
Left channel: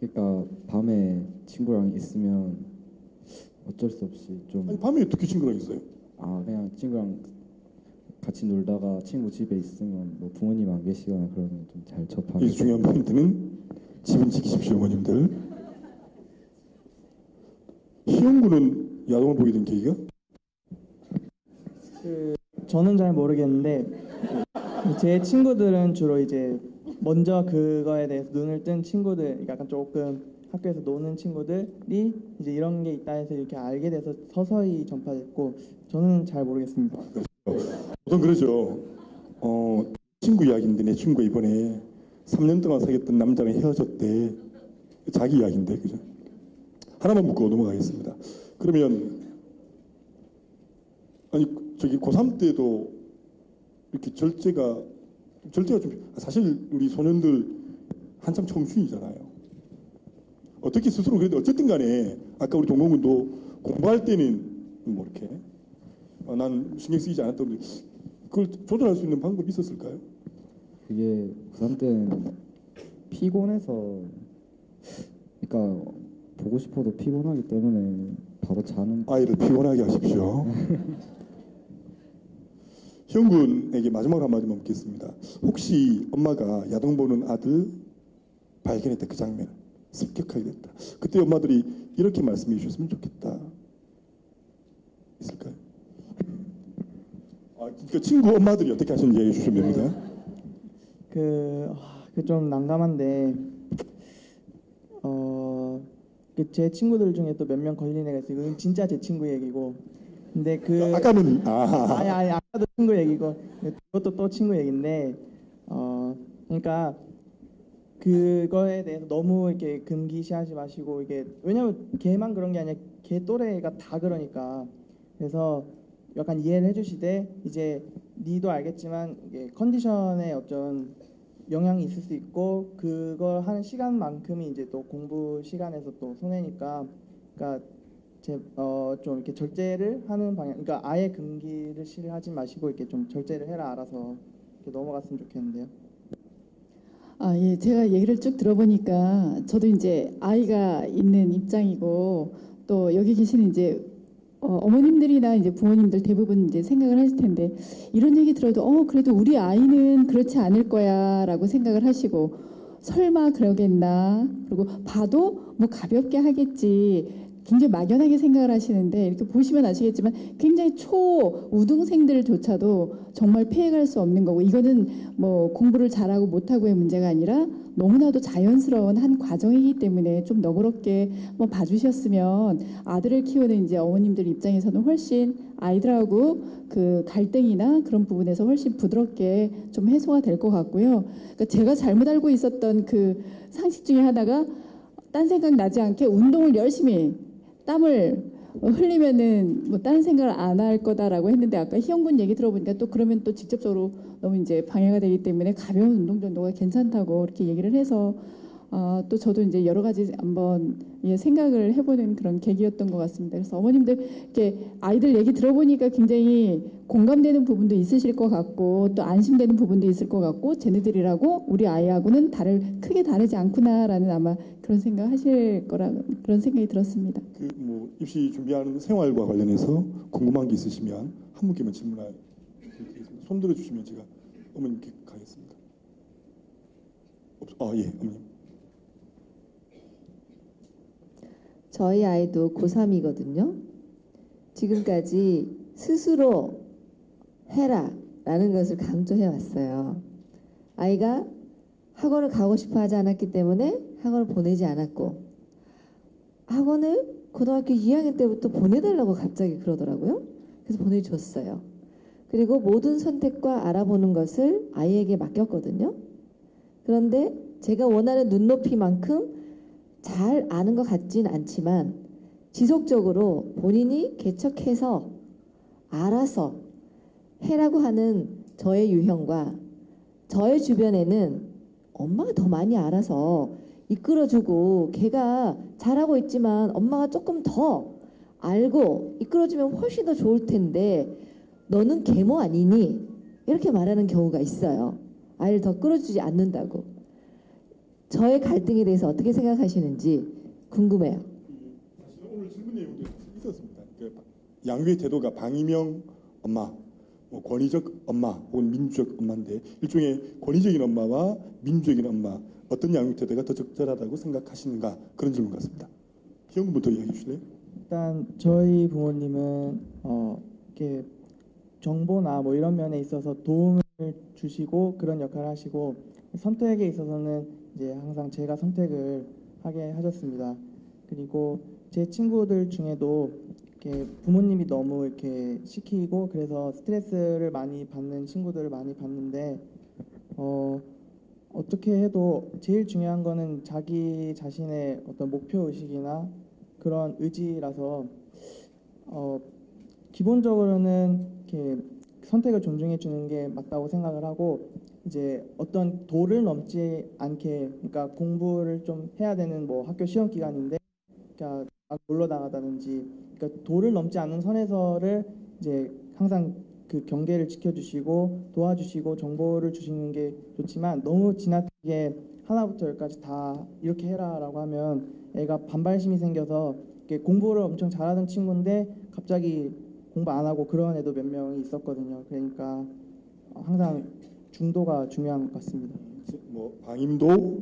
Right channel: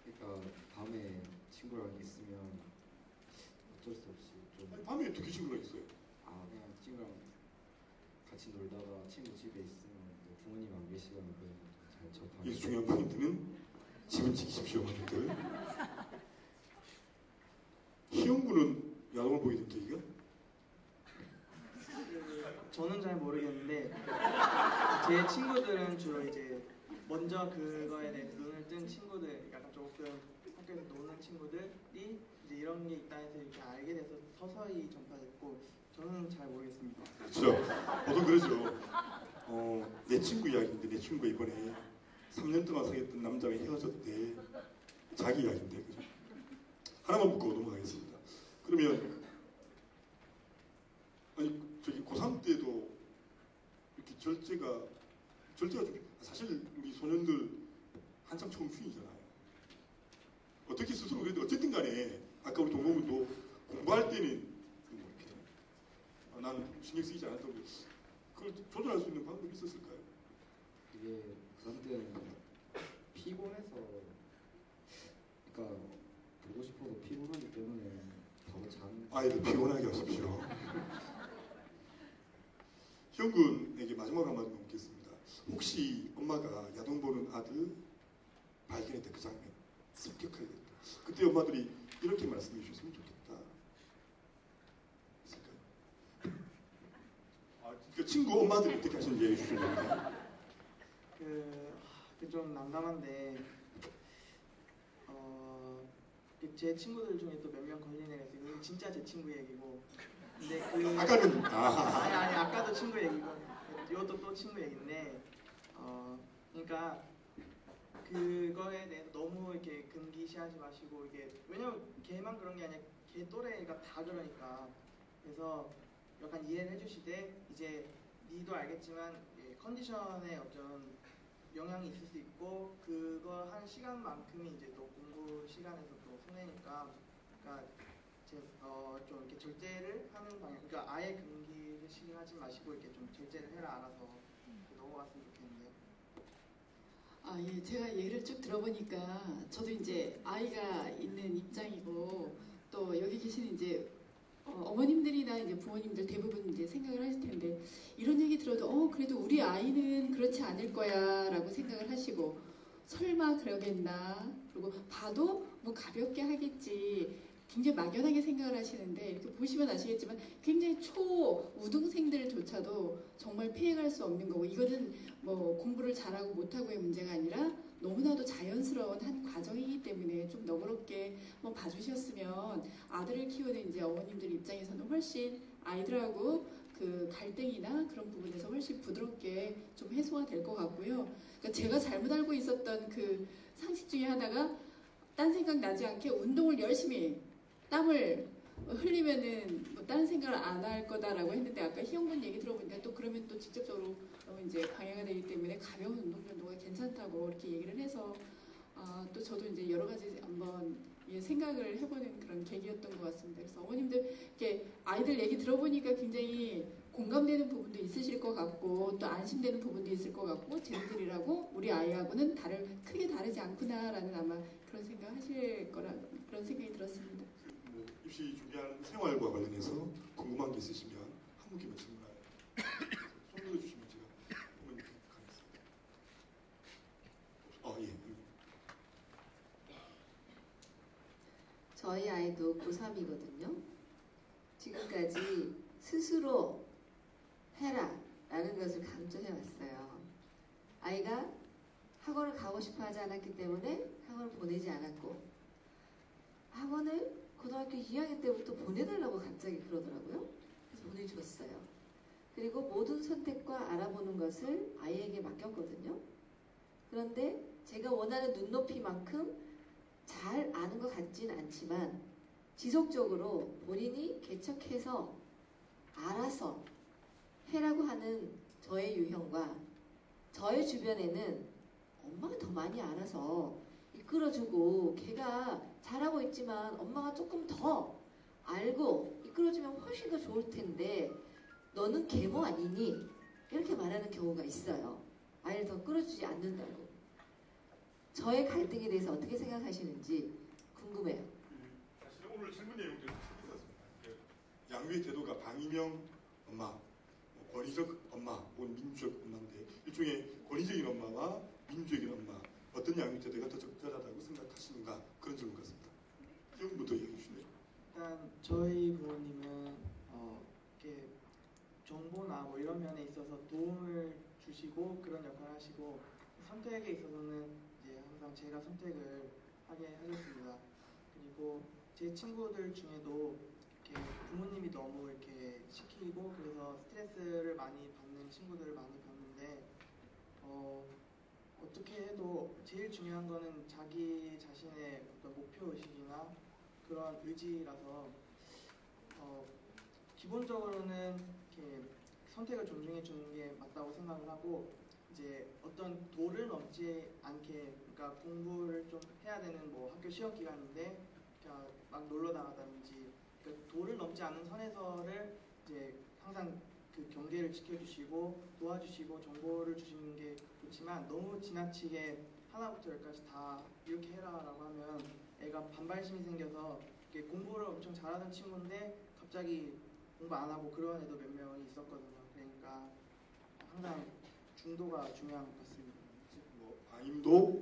그러니까 밤에 친구랑 있으면 어쩔 수 없이 좀 아니 밤에 어떻게 친구랑 있어요? 그냥 친구랑 같이 놀다가 친구 집에 있으면 뭐 부모님 안 계시거나 그러면 좀 잘 접하고. 이 중요한 포인트는 지금 지키십시오, 어머님들. 희영군은 야동을 보게 된 계기가? 저는 잘 모르겠는데 제 친구들은 주로 이제 먼저 그거에 대해서 눈을 뜬 친구들, 약간 조금 학교에서 노는 친구들이 이제 이런 게 있다 해서 이렇게 알게 돼서 서서히 전파됐고, 저는 잘 모르겠습니다. 그러죠. 내 친구 이야기인데 내 친구가 이번에 3년 동안 사귀었던 남자랑 헤어졌대. 자기 이야기인데, 그죠? 하나만 묻고 넘어가겠습니다. 그러면 아니 저기 고3 때도 이렇게 절제가 좀 사실 우리 소년들 한창 청춘이잖아요. 어떻게 스스로 그래도 어쨌든 간에 아까 우리 동공군도 공부할 때는 뭐 이렇게 난 신경 쓰이지 않았던 그걸 조절할 수 있는 방법이 있었을까요? 그게 고3 때는 피곤해서, 그러니까 보고 싶어도 피곤하기 때문에 바로 자는. 아이를 피곤하게 하십시오. 형군에게 마지막 한마디만 묻겠습니다. 혹시 엄마가 야동 보는 아들 발견했다 그 장면 습격하게 됐다. 그때 엄마들이 이렇게 말씀해 주셨으면 좋겠다. 있을까요? 그러니까 친구 엄마들이 어떻게 하시는지 얘기해 주시면 됩니다. 좀 난감한데 제 친구들 중에 또 몇 명 걸린 애가 있어요. 이건 진짜 제 친구 얘기고, 근데 아까는 아니 아까도 친구 얘기고 이것도 또 친구 얘기인데 그러니까 그거에 대해서 너무 이렇게 금기시하지 마시고, 이게 왜냐면 걔만 그런 게 아니라 걔 또래가 다 그러니까, 그래서 약간 이해를 해주시되, 이제 니도 알겠지만 이게 컨디션에 어떤 영향이 있을 수 있고, 그거 하는 시간만큼이 이제 또 공부 시간에서 또 손해니까, 그러니까 좀 이렇게 절제를 하는 방향, 그러니까 아예 금기를 실하지 마시고 이렇게 좀 절제를 해라, 알아서 넘어갔으면 좋겠는데요. 예, 제가 얘기를 쭉 들어보니까 저도 이제 아이가 있는 입장이고, 또 여기 계시는 이제 어머님들이나 이제 부모님들 대부분 이제 생각을 하실 텐데, 이런 얘기 들어도 그래도 우리 아이는 그렇지 않을 거야라고 생각을 하시고, 설마 그러겠나, 그리고 봐도 뭐 가볍게 하겠지, 굉장히 막연하게 생각을 하시는데, 이렇게 보시면 아시겠지만 굉장히 초우등생들조차도 정말 피해갈 수 없는 거고, 이거는 뭐 공부를 잘하고 못하고의 문제가 아니라 너무나도 자연스러운 한 과정이기 때문에 좀 너그럽게 뭐 봐주셨으면, 아들을 키우는 이제 어머님들 입장에서는 훨씬 아이들하고 그 갈등이나 그런 부분에서 훨씬 부드럽게 좀 해소가 될 것 같고요. 그러니까 제가 잘못 알고 있었던 그 상식 중에 하나가, 딴 생각 나지 않게 운동을 열심히 땀을 흘리면은 뭐 딴 생각을 안 할 거다라고 했는데, 아까 희영군 얘기 들어보니까 또 그러면 또 직접적으로 너무 이제 방해가 되기 때문에 가벼운 운동 정도가 괜찮다고 이렇게 얘기를 해서, 또 저도 이제 여러 가지 한번 생각을 해보는 그런 계기였던 것 같습니다. 그래서 어머님들 이렇게 아이들 얘기 들어보니까 굉장히 공감되는 부분도 있으실 것 같고, 또 안심되는 부분도 있을 것 같고, 쟤네들이라고 우리 아이하고는 크게 다르지 않구나라는 아마 그런 생각하실 거라, 그런 생각이 들었습니다. 뭐 입시 준비하는 생활과 관련해서 궁금한 게 있으시면 한 분께만 질문할 손 들어주시면 제가 어머님께 가겠습니다. 예, 어머님. 저희 아이도 고3이거든요. 지금까지 스스로 해라 라는 것을 강조해 왔어요. 아이가 학원을 가고 싶어 하지 않았기 때문에 학원을 보내지 않았고, 학원을 고등학교 2학년 때부터 보내달라고 갑자기 그러더라고요. 그래서 보내줬어요. 그리고 모든 선택과 알아보는 것을 아이에게 맡겼거든요. 그런데 제가 원하는 눈높이만큼 잘 아는 것 같진 않지만, 지속적으로 본인이 개척해서 알아서 해라고 하는 저의 유형과, 저의 주변에는 엄마가 더 많이 알아서 이끌어주고, 걔가 잘하고 있지만 엄마가 조금 더 알고 이끌어주면 훨씬 더 좋을 텐데 너는 계모 아니니? 이렇게 말하는 경우가 있어요. 아이를 더 끌어주지 않는다고. 저의 갈등에 대해서 어떻게 생각하시는지 궁금해요. 사실 오늘 질문 내용이 있었습니다. 양육의 태도가 방임형 엄마, 뭐 권위적 엄마 혹은 민주적 엄마인데 일종의 권위적인 엄마와 민주적인 엄마 어떤 양육 태도가 더 적절하다고 생각하시는가 그런 질문 같습니다. 희영부터 이야기해 주실래요? 일단 저희 부모님은 이렇게 정보나 뭐 이런 면에 있어서 도움을 주시고 그런 역할을 하시고 선택에 있어서는 이제 항상 제가 선택을 하게 하셨습니다. 그리고 제 친구들 중에도 이렇게 부모님이 너무 이렇게 시키고 그래서 스트레스를 많이 받는 친구들을 많이 봤는데 어떻게 해도 제일 중요한 거는 자기 자신의 어떤 목표 의식이나 그런 의지라서 기본적으로는 이렇게 선택을 존중해 주는 게 맞다고 생각을 하고 이제 어떤 도를 넘지 않게 그러니까 공부를 좀 해야 되는 뭐 학교 시험 기간인데 그러니까 막 놀러 나가다든지 그러니까 도를 넘지 않는 선에서를 이제 항상 그 경계를 지켜주시고 도와주시고 정보를 주시는 게 좋지만 너무 지나치게 하나부터 열까지 다 이렇게 해라라고 하면 애가 반발심이 생겨서 이렇게 공부를 엄청 잘하던 친구인데 갑자기 공부 안 하고 그런 애도 몇 명이 있었거든요. 그러니까 항상 중도가 중요한 것 같습니다. 뭐 방임도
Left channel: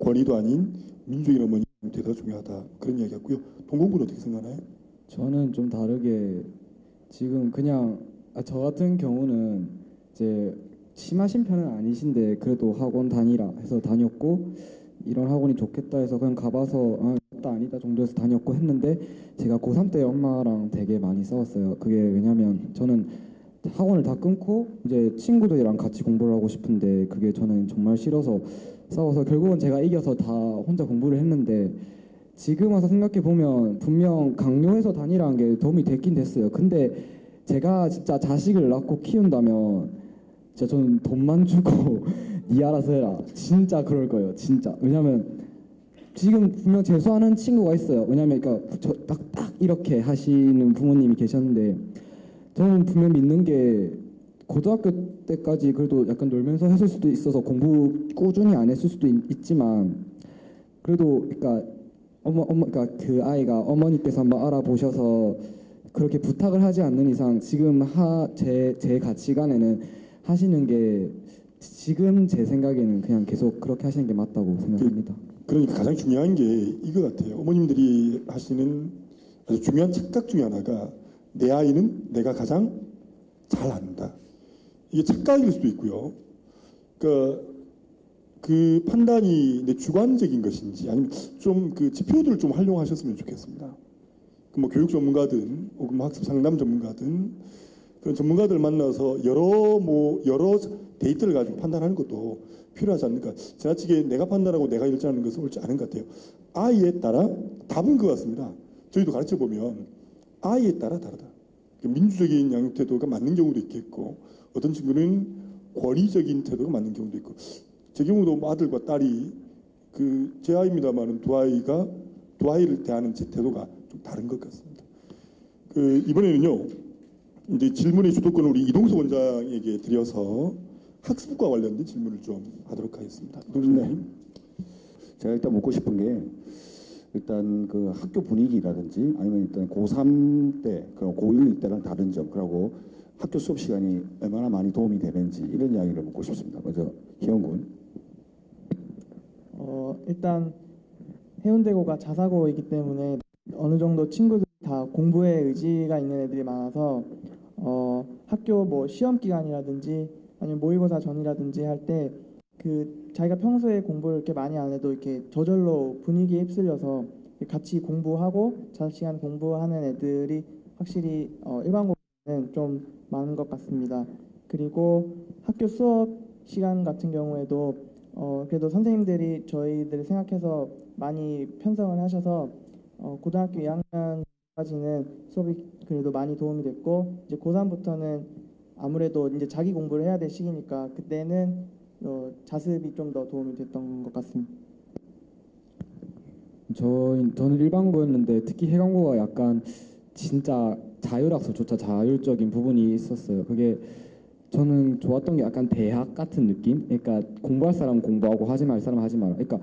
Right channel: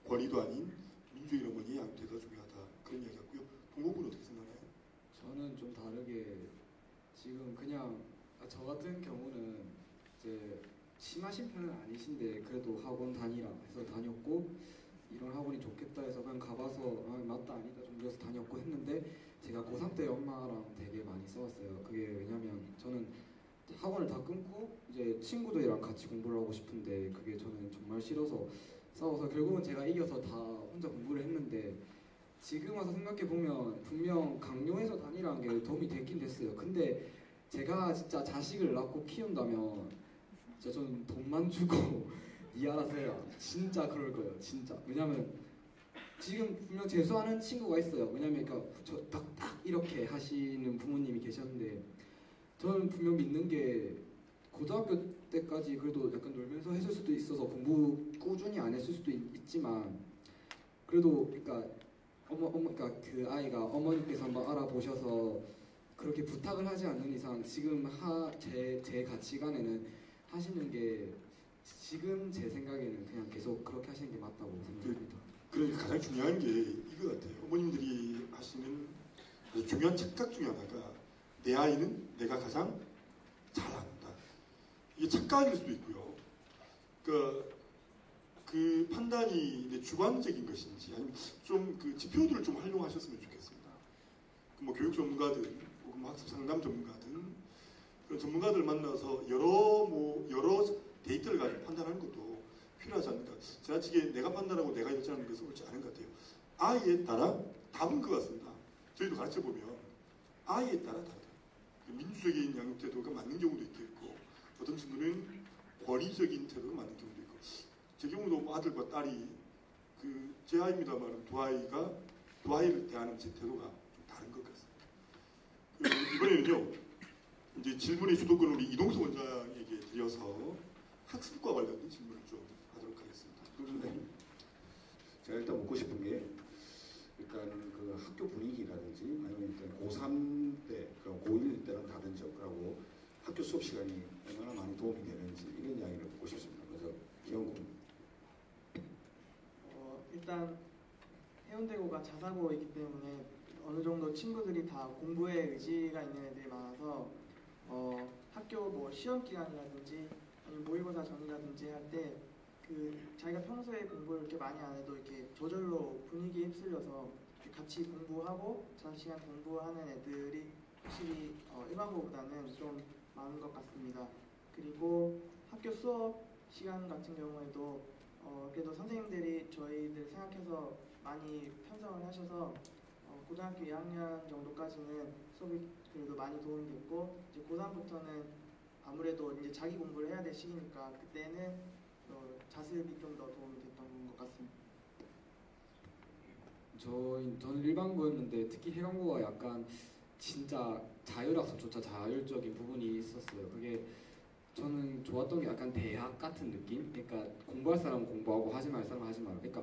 권위도 아닌 민주적인 어머니 양태가 중요하다 그런 이야기였고요. 동공군은 어떻게 생각하나요? 저는 좀 다르게 지금 그냥 저 같은 경우는 이제 심하신 편은 아니신데 그래도 학원 다니라 해서 다녔고 이런 학원이 좋겠다 해서 그냥 가봐서 맞다 아니다 정도에서 다녔고 했는데 제가 고3 때 엄마랑 되게 많이 싸웠어요. 그게 왜냐면 저는 학원을 다 끊고 이제 친구들이랑 같이 공부를 하고 싶은데 그게 저는 정말 싫어서 싸워서 결국은 제가 이겨서 다 혼자 공부를 했는데 지금 와서 생각해 보면 분명 강요해서 다니라는 게 도움이 됐긴 됐어요. 근데 제가 진짜 자식을 낳고 키운다면 진짜 저는 돈만 주고 니 알아서 해라. 진짜 그럴 거예요. 진짜. 왜냐면 지금 분명 재수하는 친구가 있어요. 왜냐면 그러니까 딱 이렇게 하시는 부모님이 계셨는데 저는 분명 믿는 게 고등학교 때까지 그래도 약간 놀면서 했을 수도 있어서 공부 꾸준히 안 했을 수도 있지만 그래도 그러니까 그러니까 그 아이가 어머니께서 한번 알아보셔서 그렇게 부탁을 하지 않는 이상 지금 제 가치관에는 하시는 게 지금 제 생각에는 그냥 계속 그렇게 하시는 게 맞다고 생각합니다. 그러니까 가장 중요한 게 이거 같아요. 어머님들이 하시는 아주 중요한 착각 중에 하나가 내 아이는 내가 가장 잘 안다. 이게 착각일 수도 있고요. 그러니까 그 판단이 내 주관적인 것인지 아니면 좀 그 지표들을 좀 활용하셨으면 좋겠습니다. 뭐 교육 전문가든 혹은 뭐 학습 상담 전문가든 그런 전문가들 만나서 여러 데이터를 가지고 판단하는 것도 필요하지 않을까. 지나치게 내가 판단하고 내가 결정하는 것은 옳지 않은 것 같아요. 아이에 따라 답은 그 같습니다. 저희도 가르쳐 보면 아이에 따라 다르다. 민주적인 양육 태도가 맞는 경우도 있겠고 어떤 친구는 권위적인 태도가 맞는 경우도 있고 제 경우도 뭐 아들과 딸이 제 아이입니다만 두 아이를 대하는 제 태도가 좀 다른 것 같습니다. 이번에는요 이제 질문의 주도권을 우리 이동수 원장에게 드려서 학습과 관련된 질문을 좀 하도록 하겠습니다. 네. 제가 일단 묻고 싶은 게 일단 그 학교 분위기라든지 아니면 일단 고3 때, 고1 때랑 다른 점, 그리고 학교 수업 시간이 얼마나 많이 도움이 되는지 이런 이야기를 묻고 싶습니다. 먼저 희영군. 일단 해운대고가 자사고이기 때문에 어느 정도 친구들이 다 공부에 의지가 있는 애들이 많아서 학교 뭐 시험 기간이라든지 아니면 모의고사 전이라든지 할 때 자기가 평소에 공부를 이렇게 많이 안 해도 이렇게 저절로 분위기에 휩쓸려서 같이 공부하고 자시간 공부하는 애들이 확실히 일반고보다는 좀 많은 것 같습니다. 그리고 학교 수업 시간 같은 경우에도 그래도 선생님들이 저희들을 생각해서 많이 편성을 하셔서 고등학교 2학년 정도까지는 수업이 그래도 많이 도움이 됐고 이제 고3부터는 아무래도 이제 자기 공부를 해야 될 시기니까 그때는 자습이 좀 더 도움이 됐던 것 같습니다. 저는 일반고였는데 특히 해관고가 약간 진짜 자율학습조차 자율적인 부분이 있었어요. 그게 저는 좋았던 게 약간 대학 같은 느낌? 그러니까 공부할 사람 공부하고 하지 말 사람 하지 마라. 그러니까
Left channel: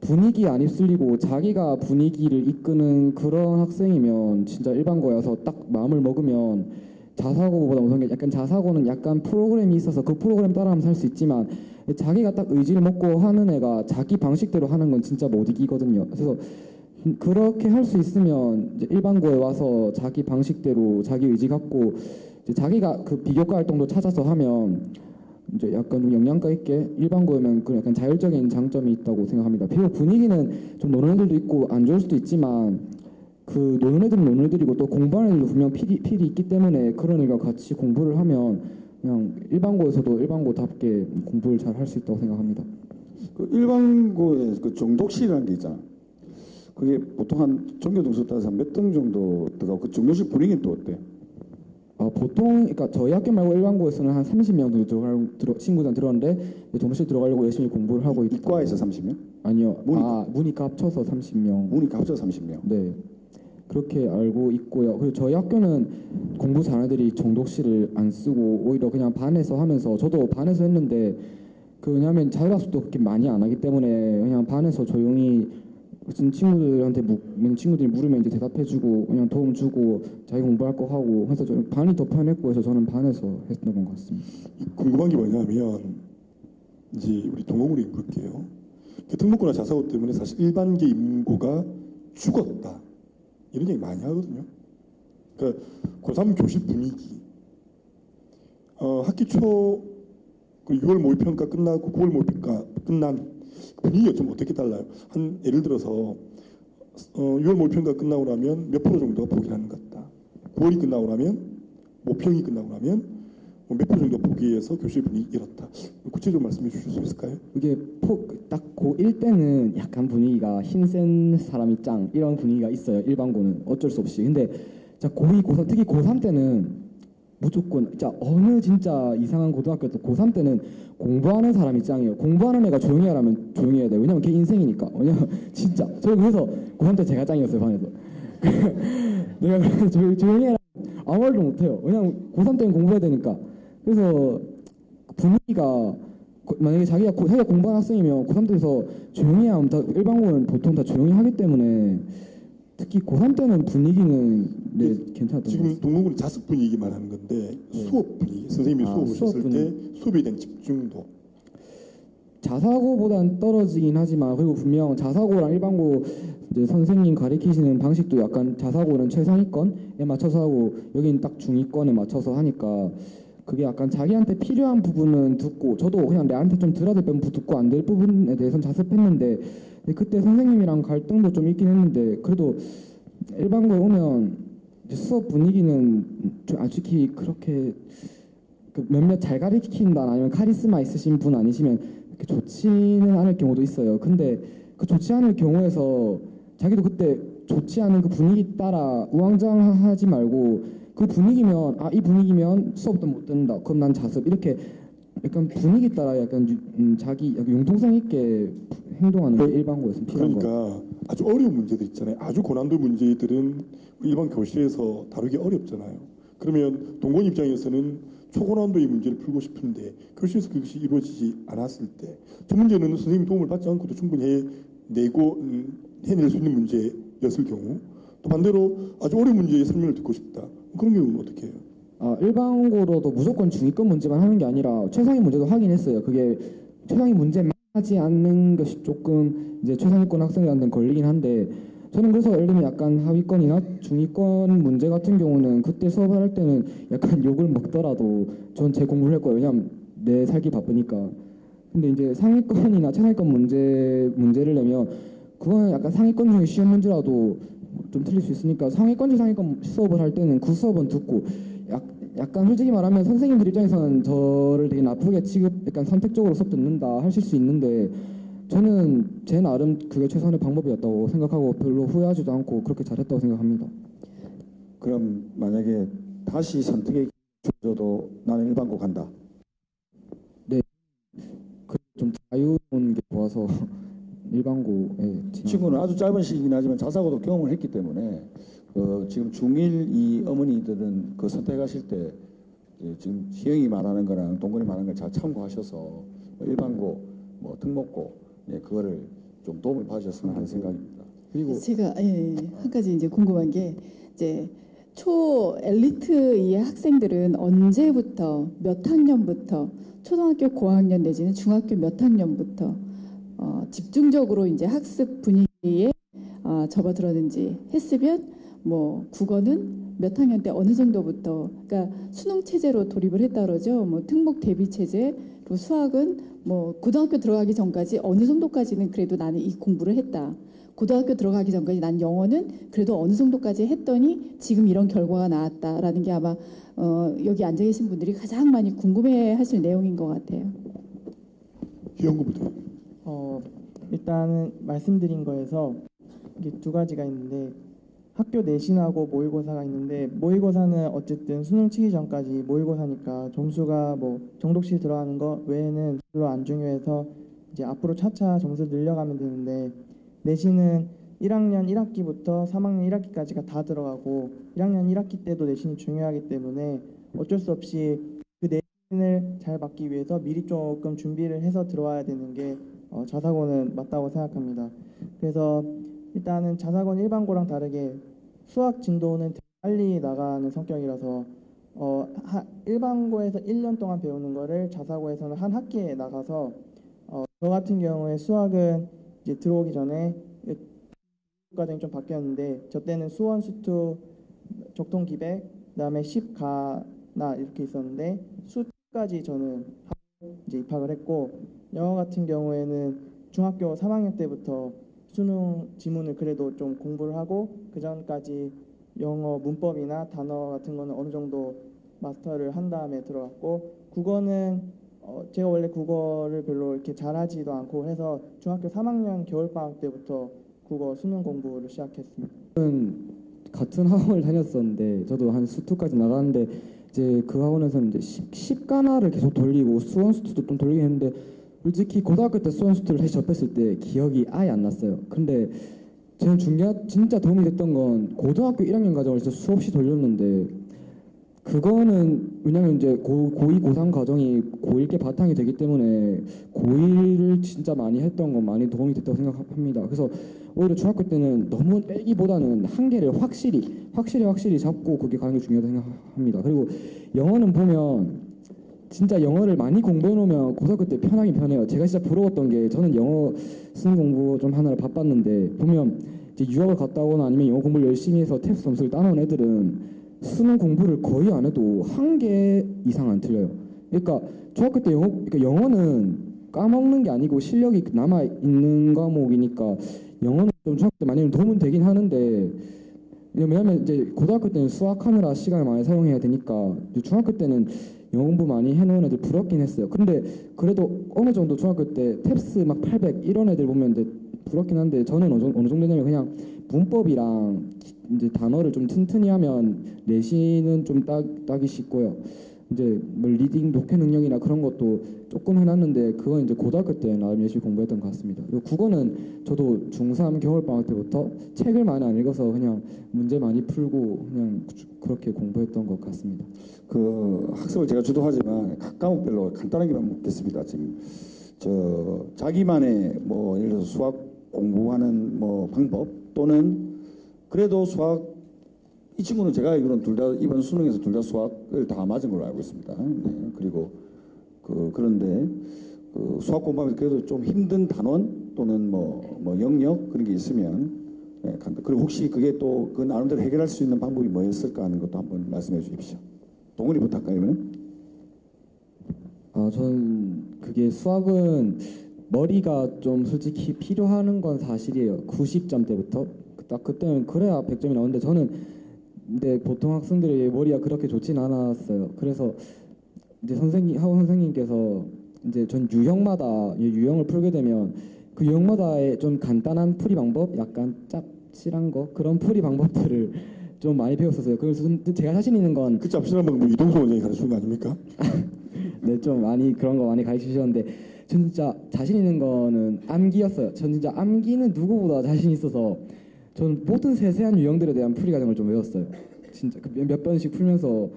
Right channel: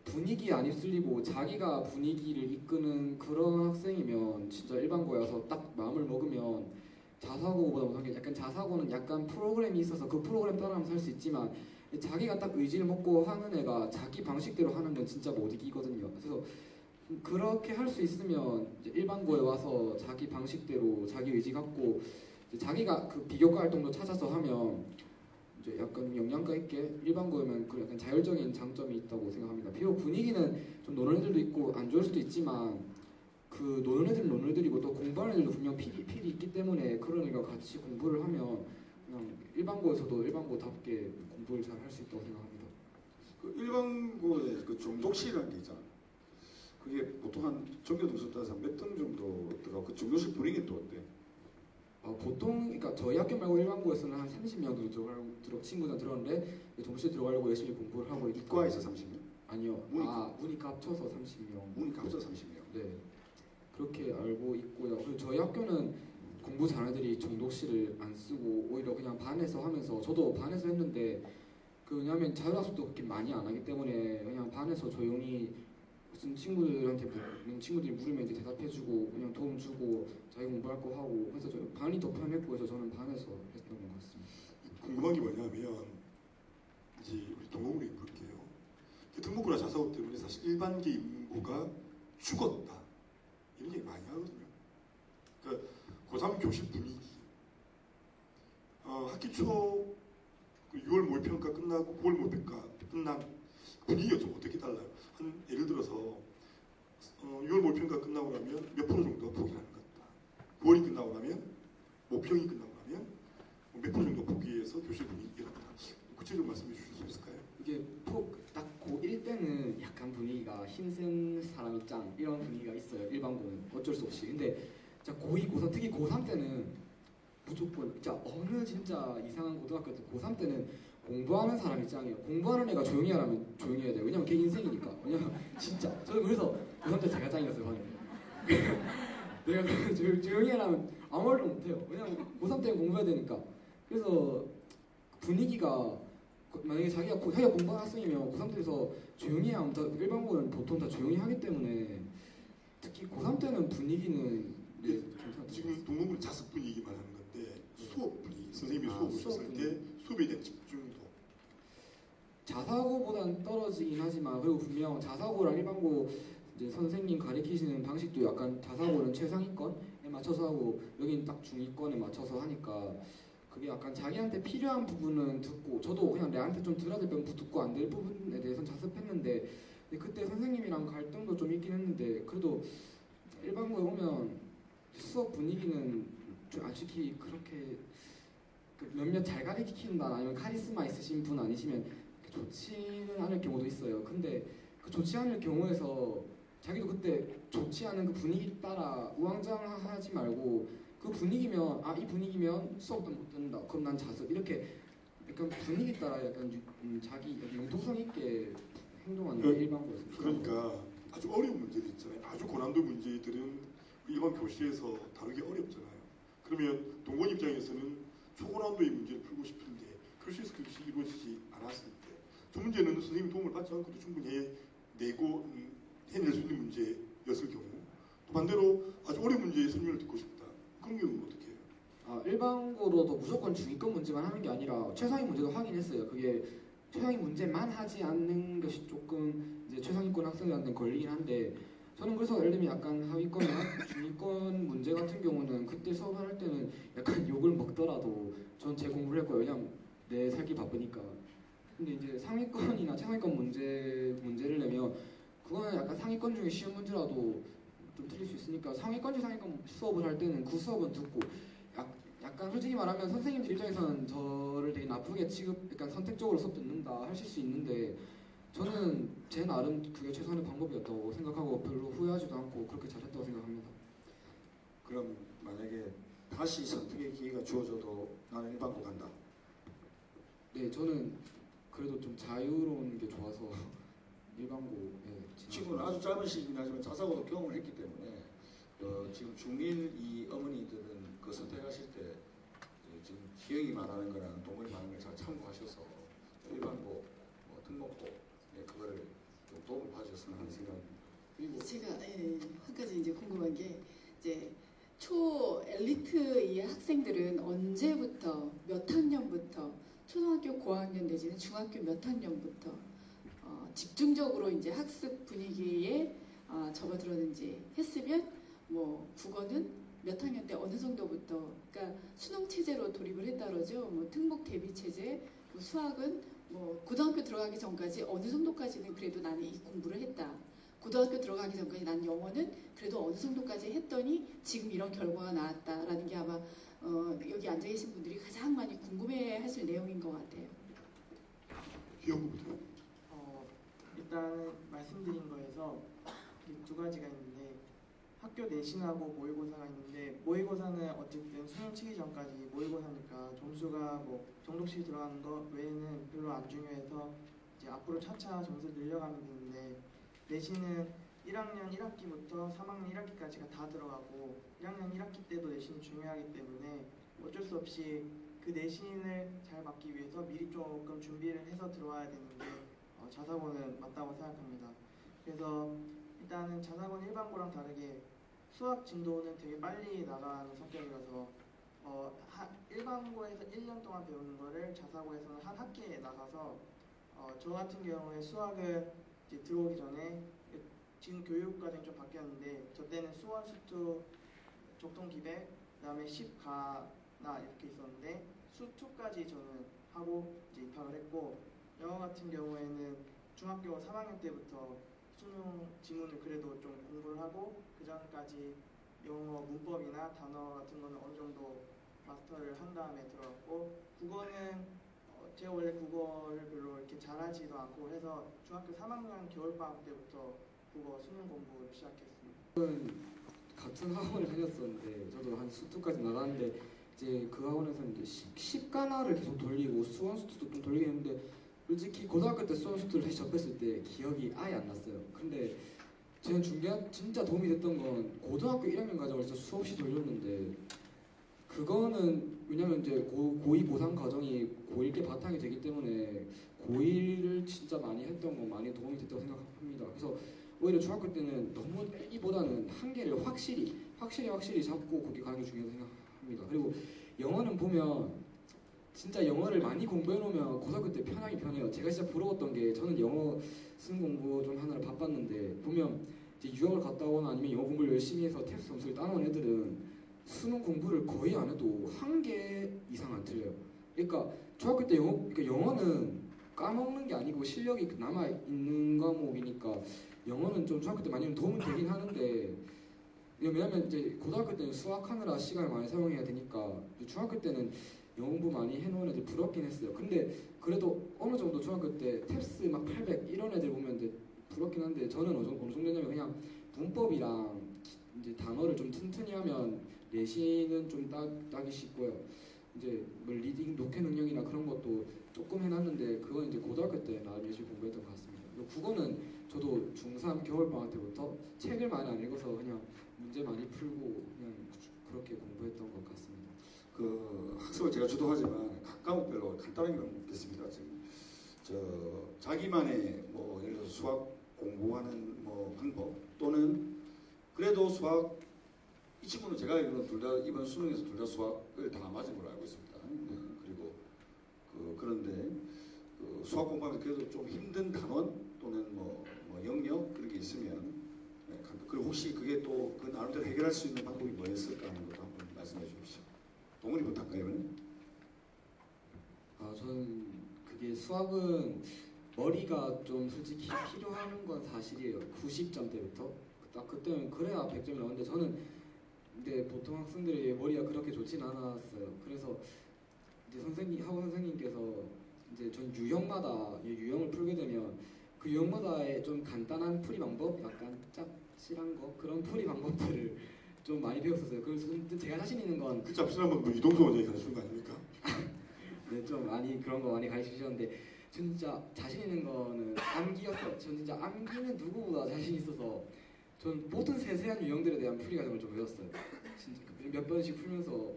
분위기에 안 휩쓸리고 자기가 분위기를 이끄는 그런 학생이면 진짜 일반고여서 딱 마음을 먹으면 자사고보다 우선 게 약간 자사고는 약간 프로그램이 있어서 그 프로그램 따라하면 살 수 있지만 자기가 딱 의지를 먹고 하는 애가 자기 방식대로 하는 건 진짜 못 이기거든요. 그래서 그렇게 할 수 있으면 이제 일반고에 와서 자기 방식대로 자기 의지 갖고 이제 자기가 그 비교과 활동도 찾아서 하면 이제 약간 좀 영양가 있게 일반고에는 그 약간 자율적인 장점이 있다고 생각합니다. 비록 분위기는 좀 노는 애들도 있고 안 좋을 수도 있지만 그 노는 애들은 노는 애들이고 또 공부하는 애들도 분명 필이 있기 때문에 그런 애가 같이 공부를 하면 그냥 일반고에서도 일반고답게 공부를 잘 할 수 있다고 생각합니다. 그 일반고에 그 정독실이라는 게 있잖아. 그게 보통 한 전교 등수 따라서 몇 등 정도 들어가고 그 정독실 분위기는 또 어때? 보통 그러니까 저희 학교 말고 일반고에서는 한 30명 정도 친구들 들어왔는데 정시 들어가려고 열심히 공부를 하고 있고. 이과에서 30명? 아니요. 문이과. 문이과 합쳐서 30명. 문이과 합쳐서 30명. 네. 그렇게 알고 있고요. 그리고 저희 학교는 공부 잘하는 애들이 정독실을 안 쓰고 오히려 그냥 반에서 하면서 저도 반에서 했는데 왜냐하면 자율학습도 그렇게 많이 안 하기 때문에 그냥 반에서 조용히 무슨 친구들한테 친구들이 물으면 이제 대답해주고 그냥 도움 주고 자기 공부할 거 하고 해서 좀 반이 더 편했고 해서 저는 반에서 했던 것 같습니다. 궁금한 게 뭐냐면 이제 우리 동호군이 그렇게요. 특목고나 자사고 때문에 사실 일반계 인구가 죽었다 이런 얘기 많이 하거든요. 그러니까 고3 교실 분위기, 학기 초 6월 모의평가 끝나고 9월 모의평가 끝난 분위기가 좀 어떻게 달라요? 한 예를 들어서 6월 모의평가 끝나고 나면 몇 프로 정도가 포기하는 것 같다. 9월이 끝나고 나면 모평이 끝나고 나면 몇 프로 정도 포기해서 교실 분위기 이렇다. 구체적으로 말씀해 주실 수 있을까요? 이게 딱 고1 때는 약간 분위기가 힘센 사람이 짱 이런 분위기가 있어요. 일반고는 어쩔 수 없이. 근데 자 고2, 고3 특히 고3 때는 무조건 진짜 어느 진짜 이상한 고등학교도 고3 때는 공부하는 사람이 짱이에요. 공부하는 애가 조용히 하라면 조용히 해야 돼요. 왜냐면 걔 인생이니까. 왜냐면 진짜 저는 그래서 고3 때 제가 짱이었어요 반에서. 내가 조용히 하라면 아무 말도 못해요. 왜냐면 고3 때는 공부해야 되니까. 그래서 분위기가 만약에 자기가 공부하는 학생이면 고3 때에서 조용히 하면 일반고는 보통 다 조용히 하기 때문에 특히 고3 때는 분위기는 괜찮았던 것 지금 같아요. 동호군 자습 분위기 말하는 건데 수업 분위기, 선생님이 수업 오셨을 때 수업에 대한 집중도 자사고보다는 떨어지긴 하지만 그리고 분명 자사고랑 일반고 이제 선생님 가르치시는 방식도 약간 자사고는 최상위권에 맞춰서 하고 여기는 딱 중위권에 맞춰서 하니까 그게 약간 자기한테 필요한 부분은 듣고 저도 그냥 내한테 좀 들어야 될 부분 듣고 안 될 부분에 대해서는 자습했는데 그때 선생님이랑 갈등도 좀 있긴 했는데 그래도 일반고에 오면 수업 분위기는 솔직히 그렇게 몇몇 잘 가르친다 아니면 카리스마 있으신 분 아니시면 좋지는 않을 경우도 있어요. 근데 그 좋지 않을 경우에서 자기도 그때 좋지 않은 그 분위기 따라 우왕좌왕하지 말고 그 분위기면 이 분위기면 수업도 못 듣는다. 그럼 난 자습 이렇게 약간 분위기 따라 약간 자기 융통성 있게 행동하는 게 일반고에서 필요한 거예요. 그러니까 아주 어려운 문제들 있잖아요. 아주 고난도 문제들은 일반 교실에서 다루기 어렵잖아요. 그러면 동공 입장에서는 초고난도의 문제를 풀고 싶은데 교실에서 그것이 이루어지지 않았을 때 그 문제는 선생님 도움을 받지 않고도 충분히 해내고 해낼 수 있는 문제였을 경우 또 반대로 아주 어려운 문제의 설명을 듣고 싶다. 그런 경우는 어떻게 해요? 일반고로도 무조건 중위권 문제만 하는 게 아니라 최상위 문제도 하긴 했어요. 그게 최상위 문제만 하지 않는 것이 조금 이제 최상위권 학생들한테는 걸리긴 한데 저는 그래서 예를 들면 약간 하위권이나 중위권 문제 같은 경우는 그때 수업을 할 때는 약간 욕을 먹더라도 전 제 공부를 할 거예요. 왜냐면 내 살기 바쁘니까. 근데 이제 상위권이나 최상위권 문제를 내면 그거는 약간 상위권 중에 쉬운 문제라도 좀 틀릴 수 있으니까 상위권 수업을 할 때는 그 수업은 듣고 약간 솔직히 말하면 선생님들 입장에서는 저를 되게 나쁘게 약간 선택적으로 수업 듣는다 하실 수 있는데 저는 제 나름 그게 최선의 방법이었다고 생각하고 별로 후회하지도 않고 그렇게 잘했다고 생각합니다. 그럼 만약에 다시 선택의 기회가 주어져도 나는 일반고 간다. 네, 저는 그래도 좀 자유로운 게 좋아서 일반고에 친구는 아주 짧은 시기긴 하지만 자사고도 경험을 했기 때문에 지금 중1 이 어머니들은 그 선택하실 때 지금 시영이 말하는 거랑 동근이 말하는 걸 잘 참고하셔서 일반고, 뭐 특목고 그거를 좀 도움을 받으셨으면 하는 생각입니다. 그리고 제가 한 가지 이제 궁금한 게 이제 초 엘리트의 학생들은 언제부터 몇 학년부터 초등학교 고학년 내지는 중학교 몇 학년부터 집중적으로 이제 학습 분위기에 접어들었는지 했으면 뭐 국어는 몇 학년 때 어느 정도부터 그러니까 수능 체제로 돌입을 했다 그러죠. 뭐 특목 대비 체제, 또 수학은 뭐 고등학교 들어가기 전까지 어느 정도까지는 그래도 나는 이 공부를 했다. 고등학교 들어가기 전까지 난 영어는 그래도 어느 정도까지 했더니 지금 이런 결과가 나왔다라는 게 아마 여기 앉아 계신 분들이 가장 많이 궁금해하실 내용인 것 같아요. 희영구부터. 일단은 말씀드린 거에서 이게 두 가지가 있는데 학교 내신하고 모의고사가 있는데 모의고사는 어쨌든 수능 치기 전까지 모의고사니까 점수가 뭐 정독시 들어가는 거 외에는 별로 안 중요해서 이제 앞으로 차차 점수 늘려가면 되는데 내신은 1학년 1학기부터 3학년 1학기까지가 다 들어가고 1학년 1학기 때도 내신이 중요하기 때문에 어쩔 수 없이 그 내신을 잘 받기 위해서 미리 조금 준비를 해서 들어와야 되는 게 자사고는 맞다고 생각합니다. 그래서 일단은 자사고는 일반고랑 다르게 수학 진도는 되게 빨리 나가는 성격이라서 일반고에서 1년 동안 배우는 거를 자사고에서는 한 학기에 나가서 저 같은 경우에 수학은 이제 들어오기 전에 지금 교육과정이 좀 바뀌었는데 저 때는 수원, 수투, 적통, 기백, 그다음에 10가나 이렇게 있었는데 수2까지 저는 하고 이제 입학을 했고 영어 같은 경우에는 중학교 3학년 때부터 수능 지문을 그래도 좀 공부를 하고 그 전까지 영어 문법이나 단어 같은 거는 어느 정도 마스터를 한 다음에 들어갔고 국어는 제가 원래 국어를 별로 이렇게 잘하지도 않고 해서 중학교 3학년 겨울방학 때부터 국어 수능 공부를 시작했습니다. 같은 학원을 다녔었는데 저도 한 수투까지 나갔는데 이제 그 학원에서는 이제 10가나를 계속 돌리고 수원 수투도 좀 돌리긴 했는데 솔직히 고등학교 때 수원 수투를 다시 접했을 때 기억이 아예 안 났어요. 근데 제일 진짜 도움이 됐던 건 고등학교 1학년 과정을 진짜 수없이 돌렸는데 그거는 왜냐면 이제 고2, 고3 과정이 고1 게 바탕이 되기 때문에 고1을 진짜 많이 했던 건 많이 도움이 됐다고 생각합니다. 그래서 오히려 중학교 때는 너무 빼기보다는 한계를 확실히 잡고 그게 가는 게 중요하다고 생각합니다. 그리고 영어는 보면 진짜 영어를 많이 공부해 놓으면 고등학교 때 편하긴 편해요. 제가 진짜 부러웠던 게 저는 영어 수능 공부 좀 하느라 바빴는데 보면 이제 유학을 갔다 오거나 아니면 영어 공부를 열심히 해서 테스트 점수를 따놓은 애들은 수능 공부를 거의 안 해도 한 개 이상 안 틀려요. 그러니까 중학교 때 영어는 까먹는 게 아니고 실력이 남아 있는 과목이니까 영어는 좀 중학교 때 많이 도움은 되긴 하는데 왜냐면 이제 고등학교 때는 수학하느라 시간을 많이 사용해야 되니까 중학교 때는 영어 공부 많이 해놓은 애들 부럽긴 했어요. 근데 그래도 어느 정도 중학교 때 탭스 막 800 이런 애들 보면 이제 부럽긴 한데 저는 어느 정도냐면 그냥 문법이랑 이제 단어를 좀 튼튼히 하면 내신은 좀 따기 쉽고요. 이제 뭐 리딩, 독해 능력이나 그런 것도 조금 해놨는데 그건 이제 고등학교 때 나름 열심히 공부했던 것 같습니다. 그리고 국어는 저도 중3 겨울방학 때부터 책을 많이 안 읽어서 그냥 문제 많이 풀고 그냥 그렇게 공부했던 것 같습니다. 그 학습을 제가 주도하지만 각 과목별로 간단하게만 묻겠습니다. 지금 자기만의 뭐 예를 들어서 수학 공부하는 뭐 방법 또는 그래도 수학 이 친구는 제가 알기로는 둘 다 이번 수능에서 둘 다 수학을 다 맞은 걸로 알고 있습니다. 네. 그리고 그런데 수학 공부하면서 그래도 좀 힘든 단원 또는 뭐 영역 그런 게 있으면 네, 그리고 혹시 그게 또 그 나름대로 해결할 수 있는 방법이 뭐였을까 하는 것도 한번 말씀해 주십시오. 동훈이부터 할까요, 이거는? 저는 그게 수학은 머리가 좀 솔직히 필요한 건 사실이에요. 90점 때부터 딱 그때는 그래야 100점이 나오는데 저는 근데 보통 학생들이 머리가 그렇게 좋진 않았어요. 그래서 이제 학원 선생님께서 이제 전 유형을 풀게 되면 그 유형마다의 좀 간단한 풀이 방법, 약간 짭짤한 거 그런 풀이 방법들을 좀 많이 배웠었어요. 그래서 제가 자신 있는 건 그 짭짤한 방법 이동수 원장이 가르치는 거 아닙니까? 네, 좀 많이 그런 거 많이 가르치셨는데 전 진짜 자신 있는 거는 암기였어요. 전 진짜 암기는 누구보다 자신 있어서 저는 모든 세세한 유형들에 대한 풀이 과정을 좀 외웠어요. 진짜 몇 번씩 풀면서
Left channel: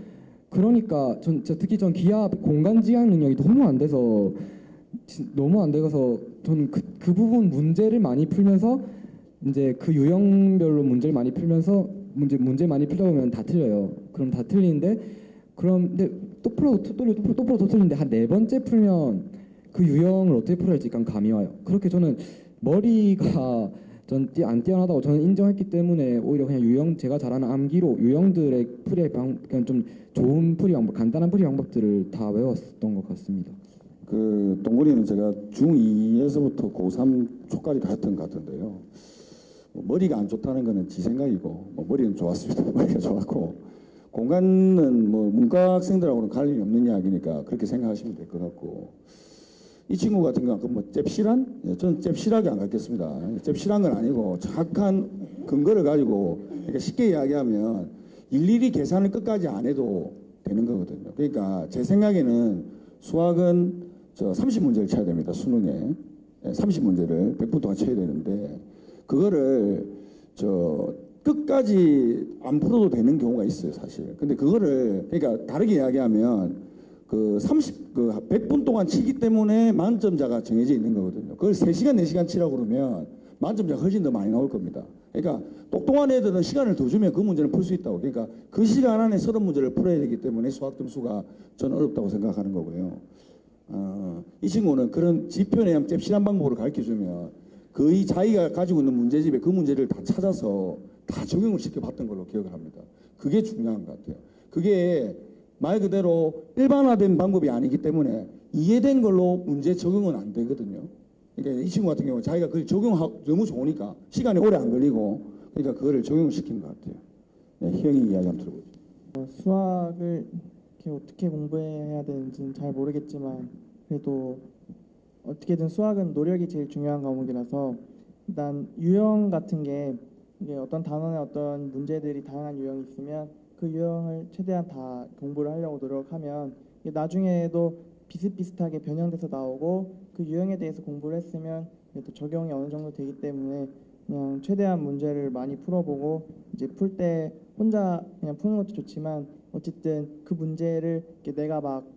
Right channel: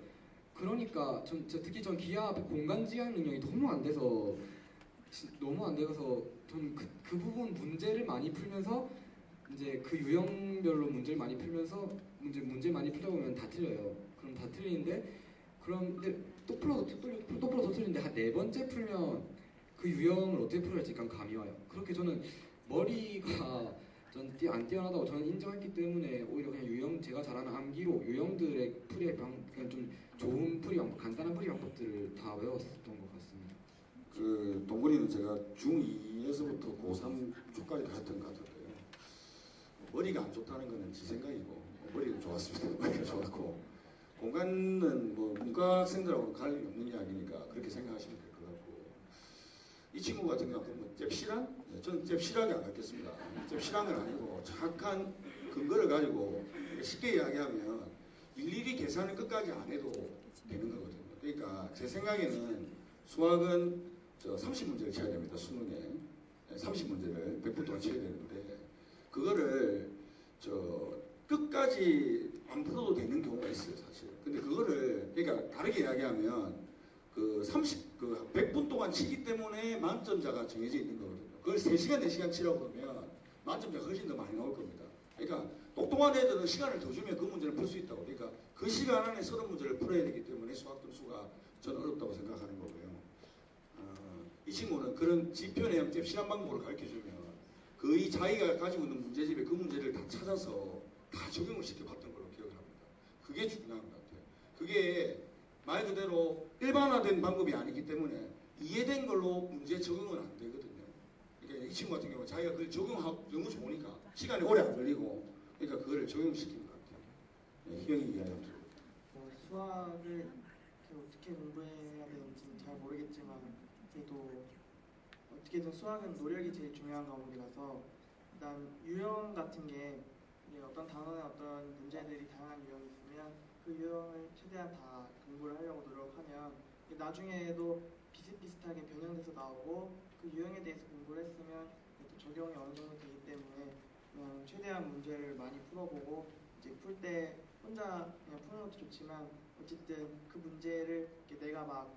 그러니까 특히 전 기하 공간 지향 능력이 너무 안 돼서 저는 그 부분 문제를 많이 풀면서 이제 그 유형별로 문제를 많이 풀면서 문제 많이 풀다 보면 다 틀려요. 그럼 다 틀리는데 그런데 또 풀어도 틀리는데 한 네 번째 풀면 그 유형을 어떻게 풀어야 할지 약간 감이 와요. 그렇게 저는 머리가 안 뛰어나다고 저는 인정했기 때문에 오히려 그냥 유형 제가 잘하는 암기로 유형들의 풀이의 그냥 좀 좋은 풀이 방법, 간단한 풀이 방법들을 다 외웠던 것 같습니다. 그 동물이는 제가 중2에서부터 고3 초까지 다 했던 것 같은데요. 머리가 안 좋다는 거는 지 생각이고 머리는 좋았습니다. 머리가 좋았고 공간은 뭐 문과 학생들하고는 관련이 없는 이야기니까 그렇게 생각하시면 될 것 같고 이 친구 같은 경우는 뭐 잽실한? 저는 잽실하게 안 갖겠습니다. 잽실한 건 아니고 정확한 근거를 가지고 그러니까 쉽게 이야기하면 일일이 계산을 끝까지 안 해도 되는 거거든요. 그러니까 제 생각에는 수학은 30문제를 쳐야 됩니다. 수능에 30문제를 100분 동안 쳐야 되는데 그거를 끝까지 안 풀어도 되는 경우가 있어요, 사실. 근데 그거를 그러니까 다르게 이야기하면 그 100분 동안 치기 때문에 만점자가 정해져 있는 거거든요. 그걸 3시간, 4시간 치라고 그러면 만점자가 훨씬 더 많이 나올 겁니다. 그러니까 똑똑한 애들은 시간을 더 주면 그 문제는 풀 수 있다고. 그러니까 그 시간 안에 30문제를 풀어야 되기 때문에 수학 점수가 저는 어렵다고 생각하는 거고요. 이 친구는 그런 지표 내용 잽실한 방법으로 가르쳐주면 거의 자기가 가지고 있는 문제집에 그 문제를 다 찾아서 다 적용을 시켜봤던 걸로 기억을 합니다. 그게 중요한 것 같아요. 그게 말 그대로 일반화된 방법이 아니기 때문에 이해된 걸로 문제 적용은 안 되거든요. 그러니까 이 친구 같은 경우는 자기가 그걸 적용하고 너무 좋으니까 시간이 오래 안 걸리고 그러니까 그거를 적용을 시킨 것 같아요. 네, 희영이 이야기 한번 들어볼게요. 수학을 이렇게 어떻게 공부해야 되는지는 잘 모르겠지만 그래도 어떻게든 수학은 노력이 제일 중요한 과목이라서 일단 유형 같은 게 이게 어떤 단원에 어떤 문제들이 다양한 유형이 있으면 그 유형을 최대한 다 공부를 하려고 노력하면 이게 나중에도 비슷비슷하게 변형돼서 나오고 그 유형에 대해서 공부를 했으면 또 적용이 어느 정도 되기 때문에 그냥 최대한 문제를 많이 풀어보고 이제 풀 때 혼자 그냥 푸는 것도 좋지만 어쨌든 그 문제를 이렇게 내가 막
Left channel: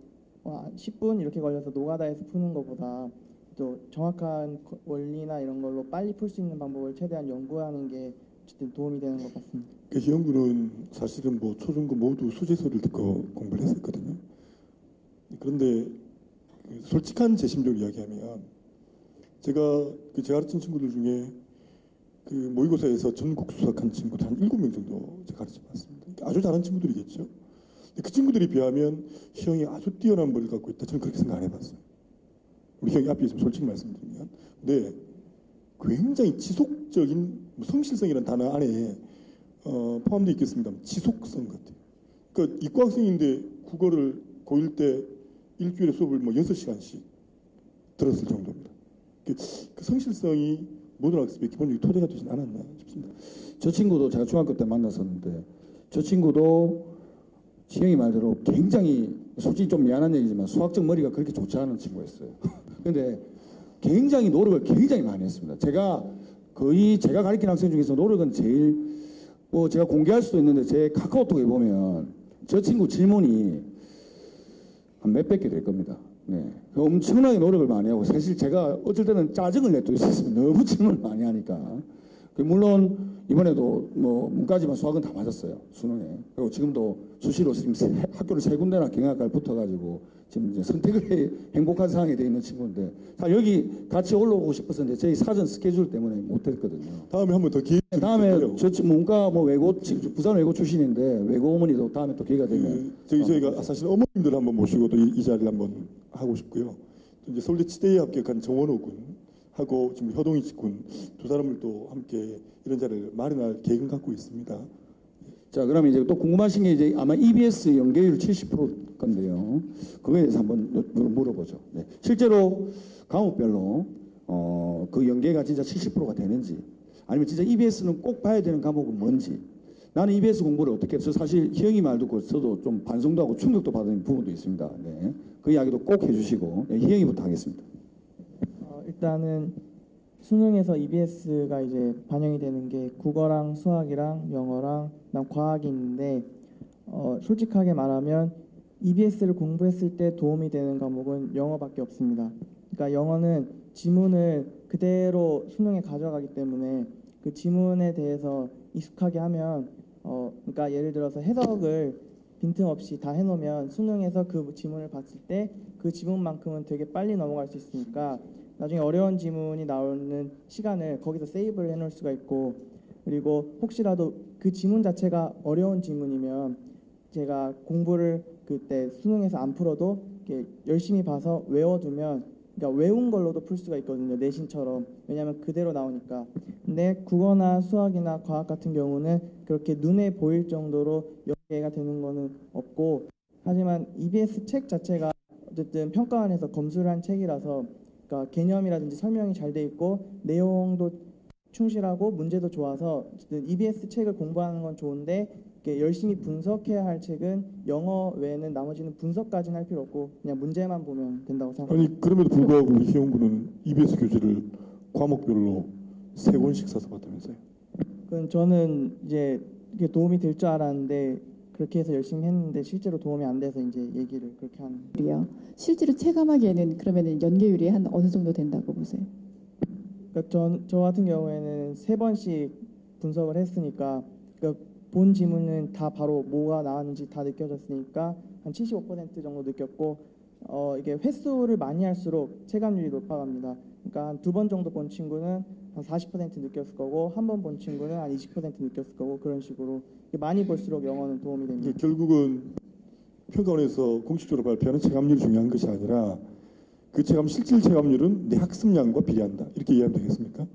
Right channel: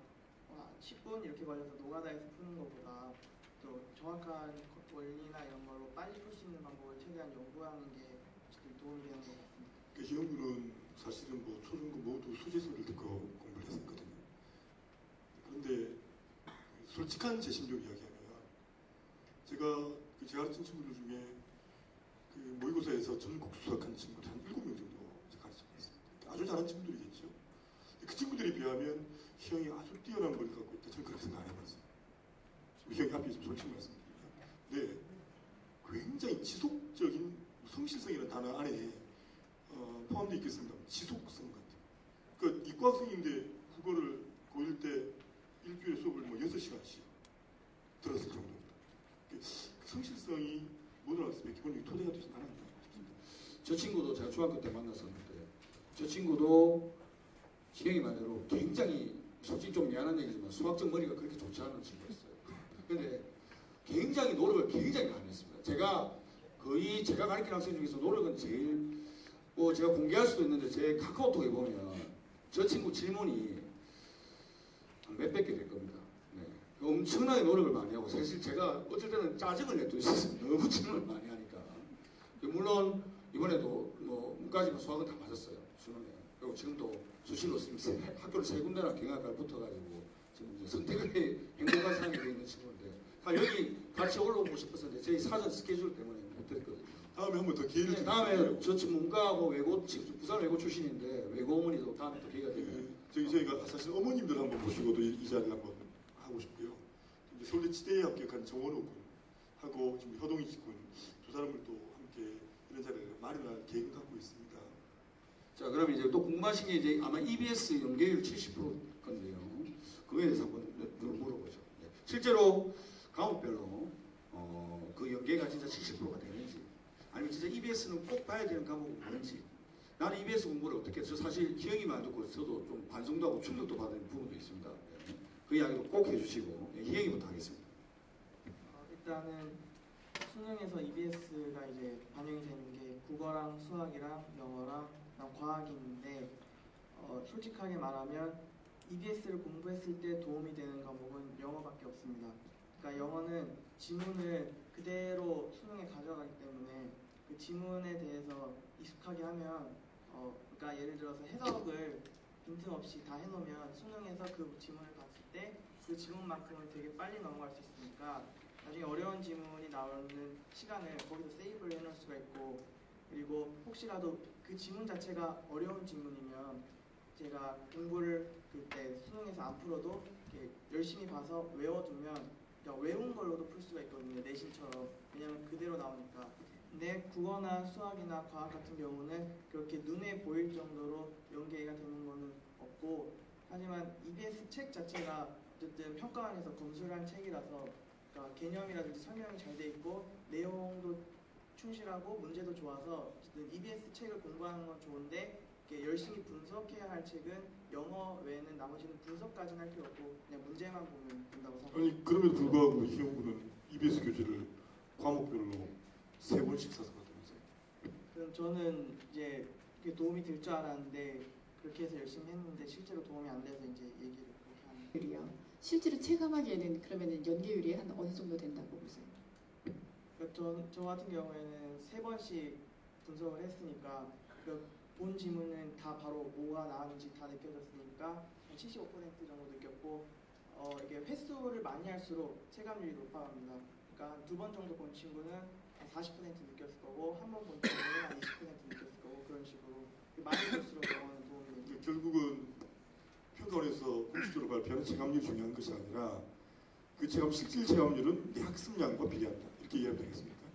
10분 이렇게 걸려서 노가다해서 푸는 것보다 또 정확한 원리나 이런 걸로 빨리 풀 수 있는 방법을 최대한 연구하는 게 어쨌든 도움이 되는 것 같습니다. 그 희영군은 사실은 뭐 초중고 모두 수제소를 듣고 공부를 했었거든요. 그런데 솔직한 제 심정을 이야기하면 제가 가르친 친구들 중에 그 모의고사에서 전국 수석한 친구들 한 7명 정도 제가 가르쳐봤습니다. 아주 잘하는 친구들이겠죠. 그 친구들에 비하면 희영이 아주 뛰어난 머리를 갖고 있다. 저는 그렇게 생각 안 해봤어요. 우리 희영이 앞에 있으면 솔직히 말씀드리면. 근데 굉장히 지속적인 성실성이라는 단어 안에 포함되어 있겠습니다. 지속성 같아요. 그러니까 이과학생인데 국어를 고1 때 일주일에 수업을 6시간씩 들었을 정도입니다. 그 성실성이 모든 학습의 기본적인 토대가 되지 않았나 싶습니다. 저 친구도 제가 중학교 때 만났었는데 저 친구도 희영이 말대로 굉장히 솔직히 좀 미안한 얘기지만 수학적 머리가 그렇게 좋지 않은 친구였어요. 근데 굉장히 노력을 굉장히 많이 했습니다. 제가 가르치는 학생 중에서 노력은 제일 제가 공개할 수 있는데 제 카카오톡에 보면 저 친구 질문이 한 몇백 개 될 겁니다. 네. 엄청나게 노력을 많이 하고 사실 제가 어쩔 때는 짜증을 낼 때 있었어요. 너무 질문을 많이 하니까. 물론 이번에도 문과지만 수학은 다 맞았어요. 수능에. 그리고 지금도 수시로 학교를 3군데나 경영학과에 붙어가지고 지금 이제 선택의 행복한 상황이 되어 있는 친구인데 사실 여기 같이 올라오고 싶었었는데 저희 사전 스케줄 때문에 못했거든요. 다음에 한 번 더 기회. 다음에 저 문과 부산 외고 출신인데 외고 어머니도 다음에 또 기회가 되면 저희가 사실 어머님들 한번 모시고 또 이 자리를 한번 하고 싶고요. 이제 서울대 치대에 합격한 정원호 군하고 지금 효동희 군 두 사람을 또 함께 이런 자리를 마련할 계획을 갖고 있습니다. 자, 그럼 이제 또 궁금하신 게 이제 아마 EBS 연계율 70% 건데요. 그거에 대해서 한번 물어보죠. 네. 실제로 과목별로 그 연계가 진짜 70%가 되는지 아니면 진짜 EBS는 꼭 봐야 되는 과목은 뭔지 나는 EBS 공부를 어떻게 해서 사실 희영이 말 듣고 저도 좀 반성도 하고 충격도 받은 부분도 있습니다. 네. 그 이야기도 꼭 해주시고 네, 희영이부터 하겠습니다. 일단은 수능에서 EBS가 이제 반영이 되는 게 국어랑 수학이랑 영어랑 그다음 과학이 있는데 솔직하게 말하면 EBS를 공부했을 때 도움이 되는 과목은 영어밖에 없습니다. 그러니까 영어는 지문을 그대로 수능에 가져가기 때문에 그 지문에 대해서 익숙하게 하면 그러니까 예를 들어서 해석을 빈틈없이 다 해놓으면 수능에서 그 지문을 봤을 때 그 지문만큼은 되게 빨리 넘어갈 수 있으니까 나중에 어려운 지문이 나오는 시간을 거기서 세이브를 해놓을 수가 있고, 그리고 혹시라도 그 지문 자체가 어려운 지문이면 제가 공부를 그때 수능에서 안 풀어도 이렇게 열심히 봐서 외워두면, 그러니까 외운 걸로도 풀 수가 있거든요, 내신처럼. 왜냐하면 그대로 나오니까. 근데 국어나 수학이나 과학 같은 경우는 그렇게 눈에 보일 정도로 연계가 되는 거는 없고, 하지만 EBS 책 자체가 어쨌든 평가원에서 검수를 한 책이라서, 그러니까 개념이라든지 설명이 잘 돼 있고 내용도 충실하고 문제도 좋아서 어쨌든 EBS 책을 공부하는 건 좋은데, 이렇게 열심히 분석해야 할 책은 영어 외에는 나머지는 분석까지는 할 필요 없고 그냥 문제만 보면 된다고 생각합니다. 아니 그럼에도 불구하고 우리 희용군은 EBS 교재를 과목별로 3권씩 써서 봤다면서요? 그건 저는 이제 이게 도움이 될 줄 알았는데 그렇게 해서 열심히 했는데 실제로 도움이 안 돼서 이제 얘기를 그렇게 하는 거예요. 실제로 체감하기에는 그러면 연계율이 한 어느 정도 된다고 보세요? 그러니까 저 같은 경우에는 3번씩 분석을 했으니까, 그러니까 본 지문은 다 바로 뭐가 나왔는지 다 느껴졌으니까 한 75% 정도 느꼈고, 이게 횟수를 많이 할수록 체감률이 높아갑니다. 그러니까 한 2번 정도 본 친구는 한 40% 느꼈을 거고, 한 번 본 친구는 한 20% 느꼈을 거고, 그런 식으로 많이 볼수록 영어는 도움이 됩니다. 이게 결국은 평가원에서 공식적으로 발표하는 체감률이 중요한 것이 아니라 그 실질 체감률은 내 학습량과 비례한다, 이렇게 이해하면 되겠습니까?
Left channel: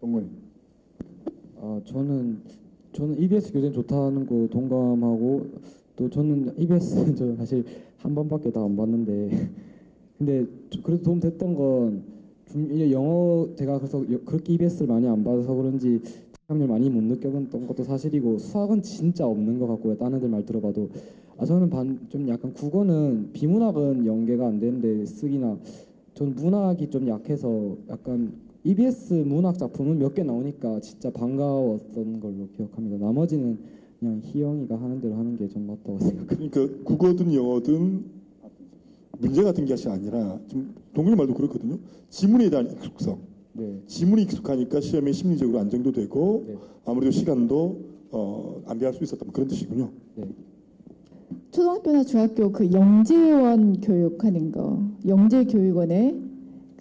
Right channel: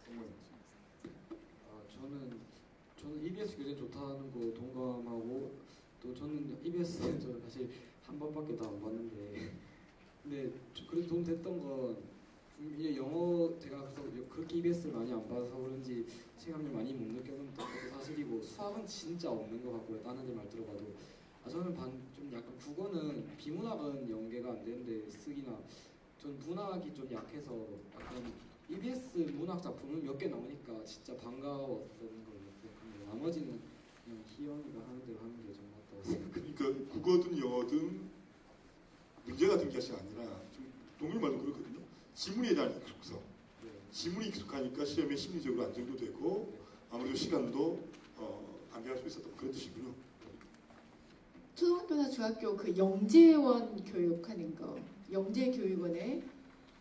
동문이. 저는 EBS 교재는 좋다는 거 동감하고, 또 저는 EBS 저 사실 한 번밖에 다 안 봤는데 근데 그래도 도움 됐던 건 이제 영어 제가 그래서 그렇게 EBS를 많이 안 봐서 그런지 체감률 많이 못 느꼈던 것도 사실이고, 수학은 진짜 없는 것 같고요. 다른 애들 말 들어봐도. 저는 좀 약간 국어는 비문학은 연계가 안 되는데 쓰기나, 전 문학이 좀 약해서 약간 EBS 문학 작품은 몇 개 나오니까 진짜 반가웠던 걸로 기억합니다. 나머지는 그냥 희영이가 하는 대로 하는 게 좀 맞다고 생각합니다. 그러니까 국어든 영어든 문제 같은 것이 아니라 좀 동물 말도 그렇거든요. 지문에 대한 익숙성. 네. 지문이 익숙하니까 시험에 심리적으로 안정도 되고 네. 아무래도 시간도 안배할 수 있었던 그런 뜻이군요. 네. 초등학교나 중학교 그 영재원 교육하는 거, 영재교육원에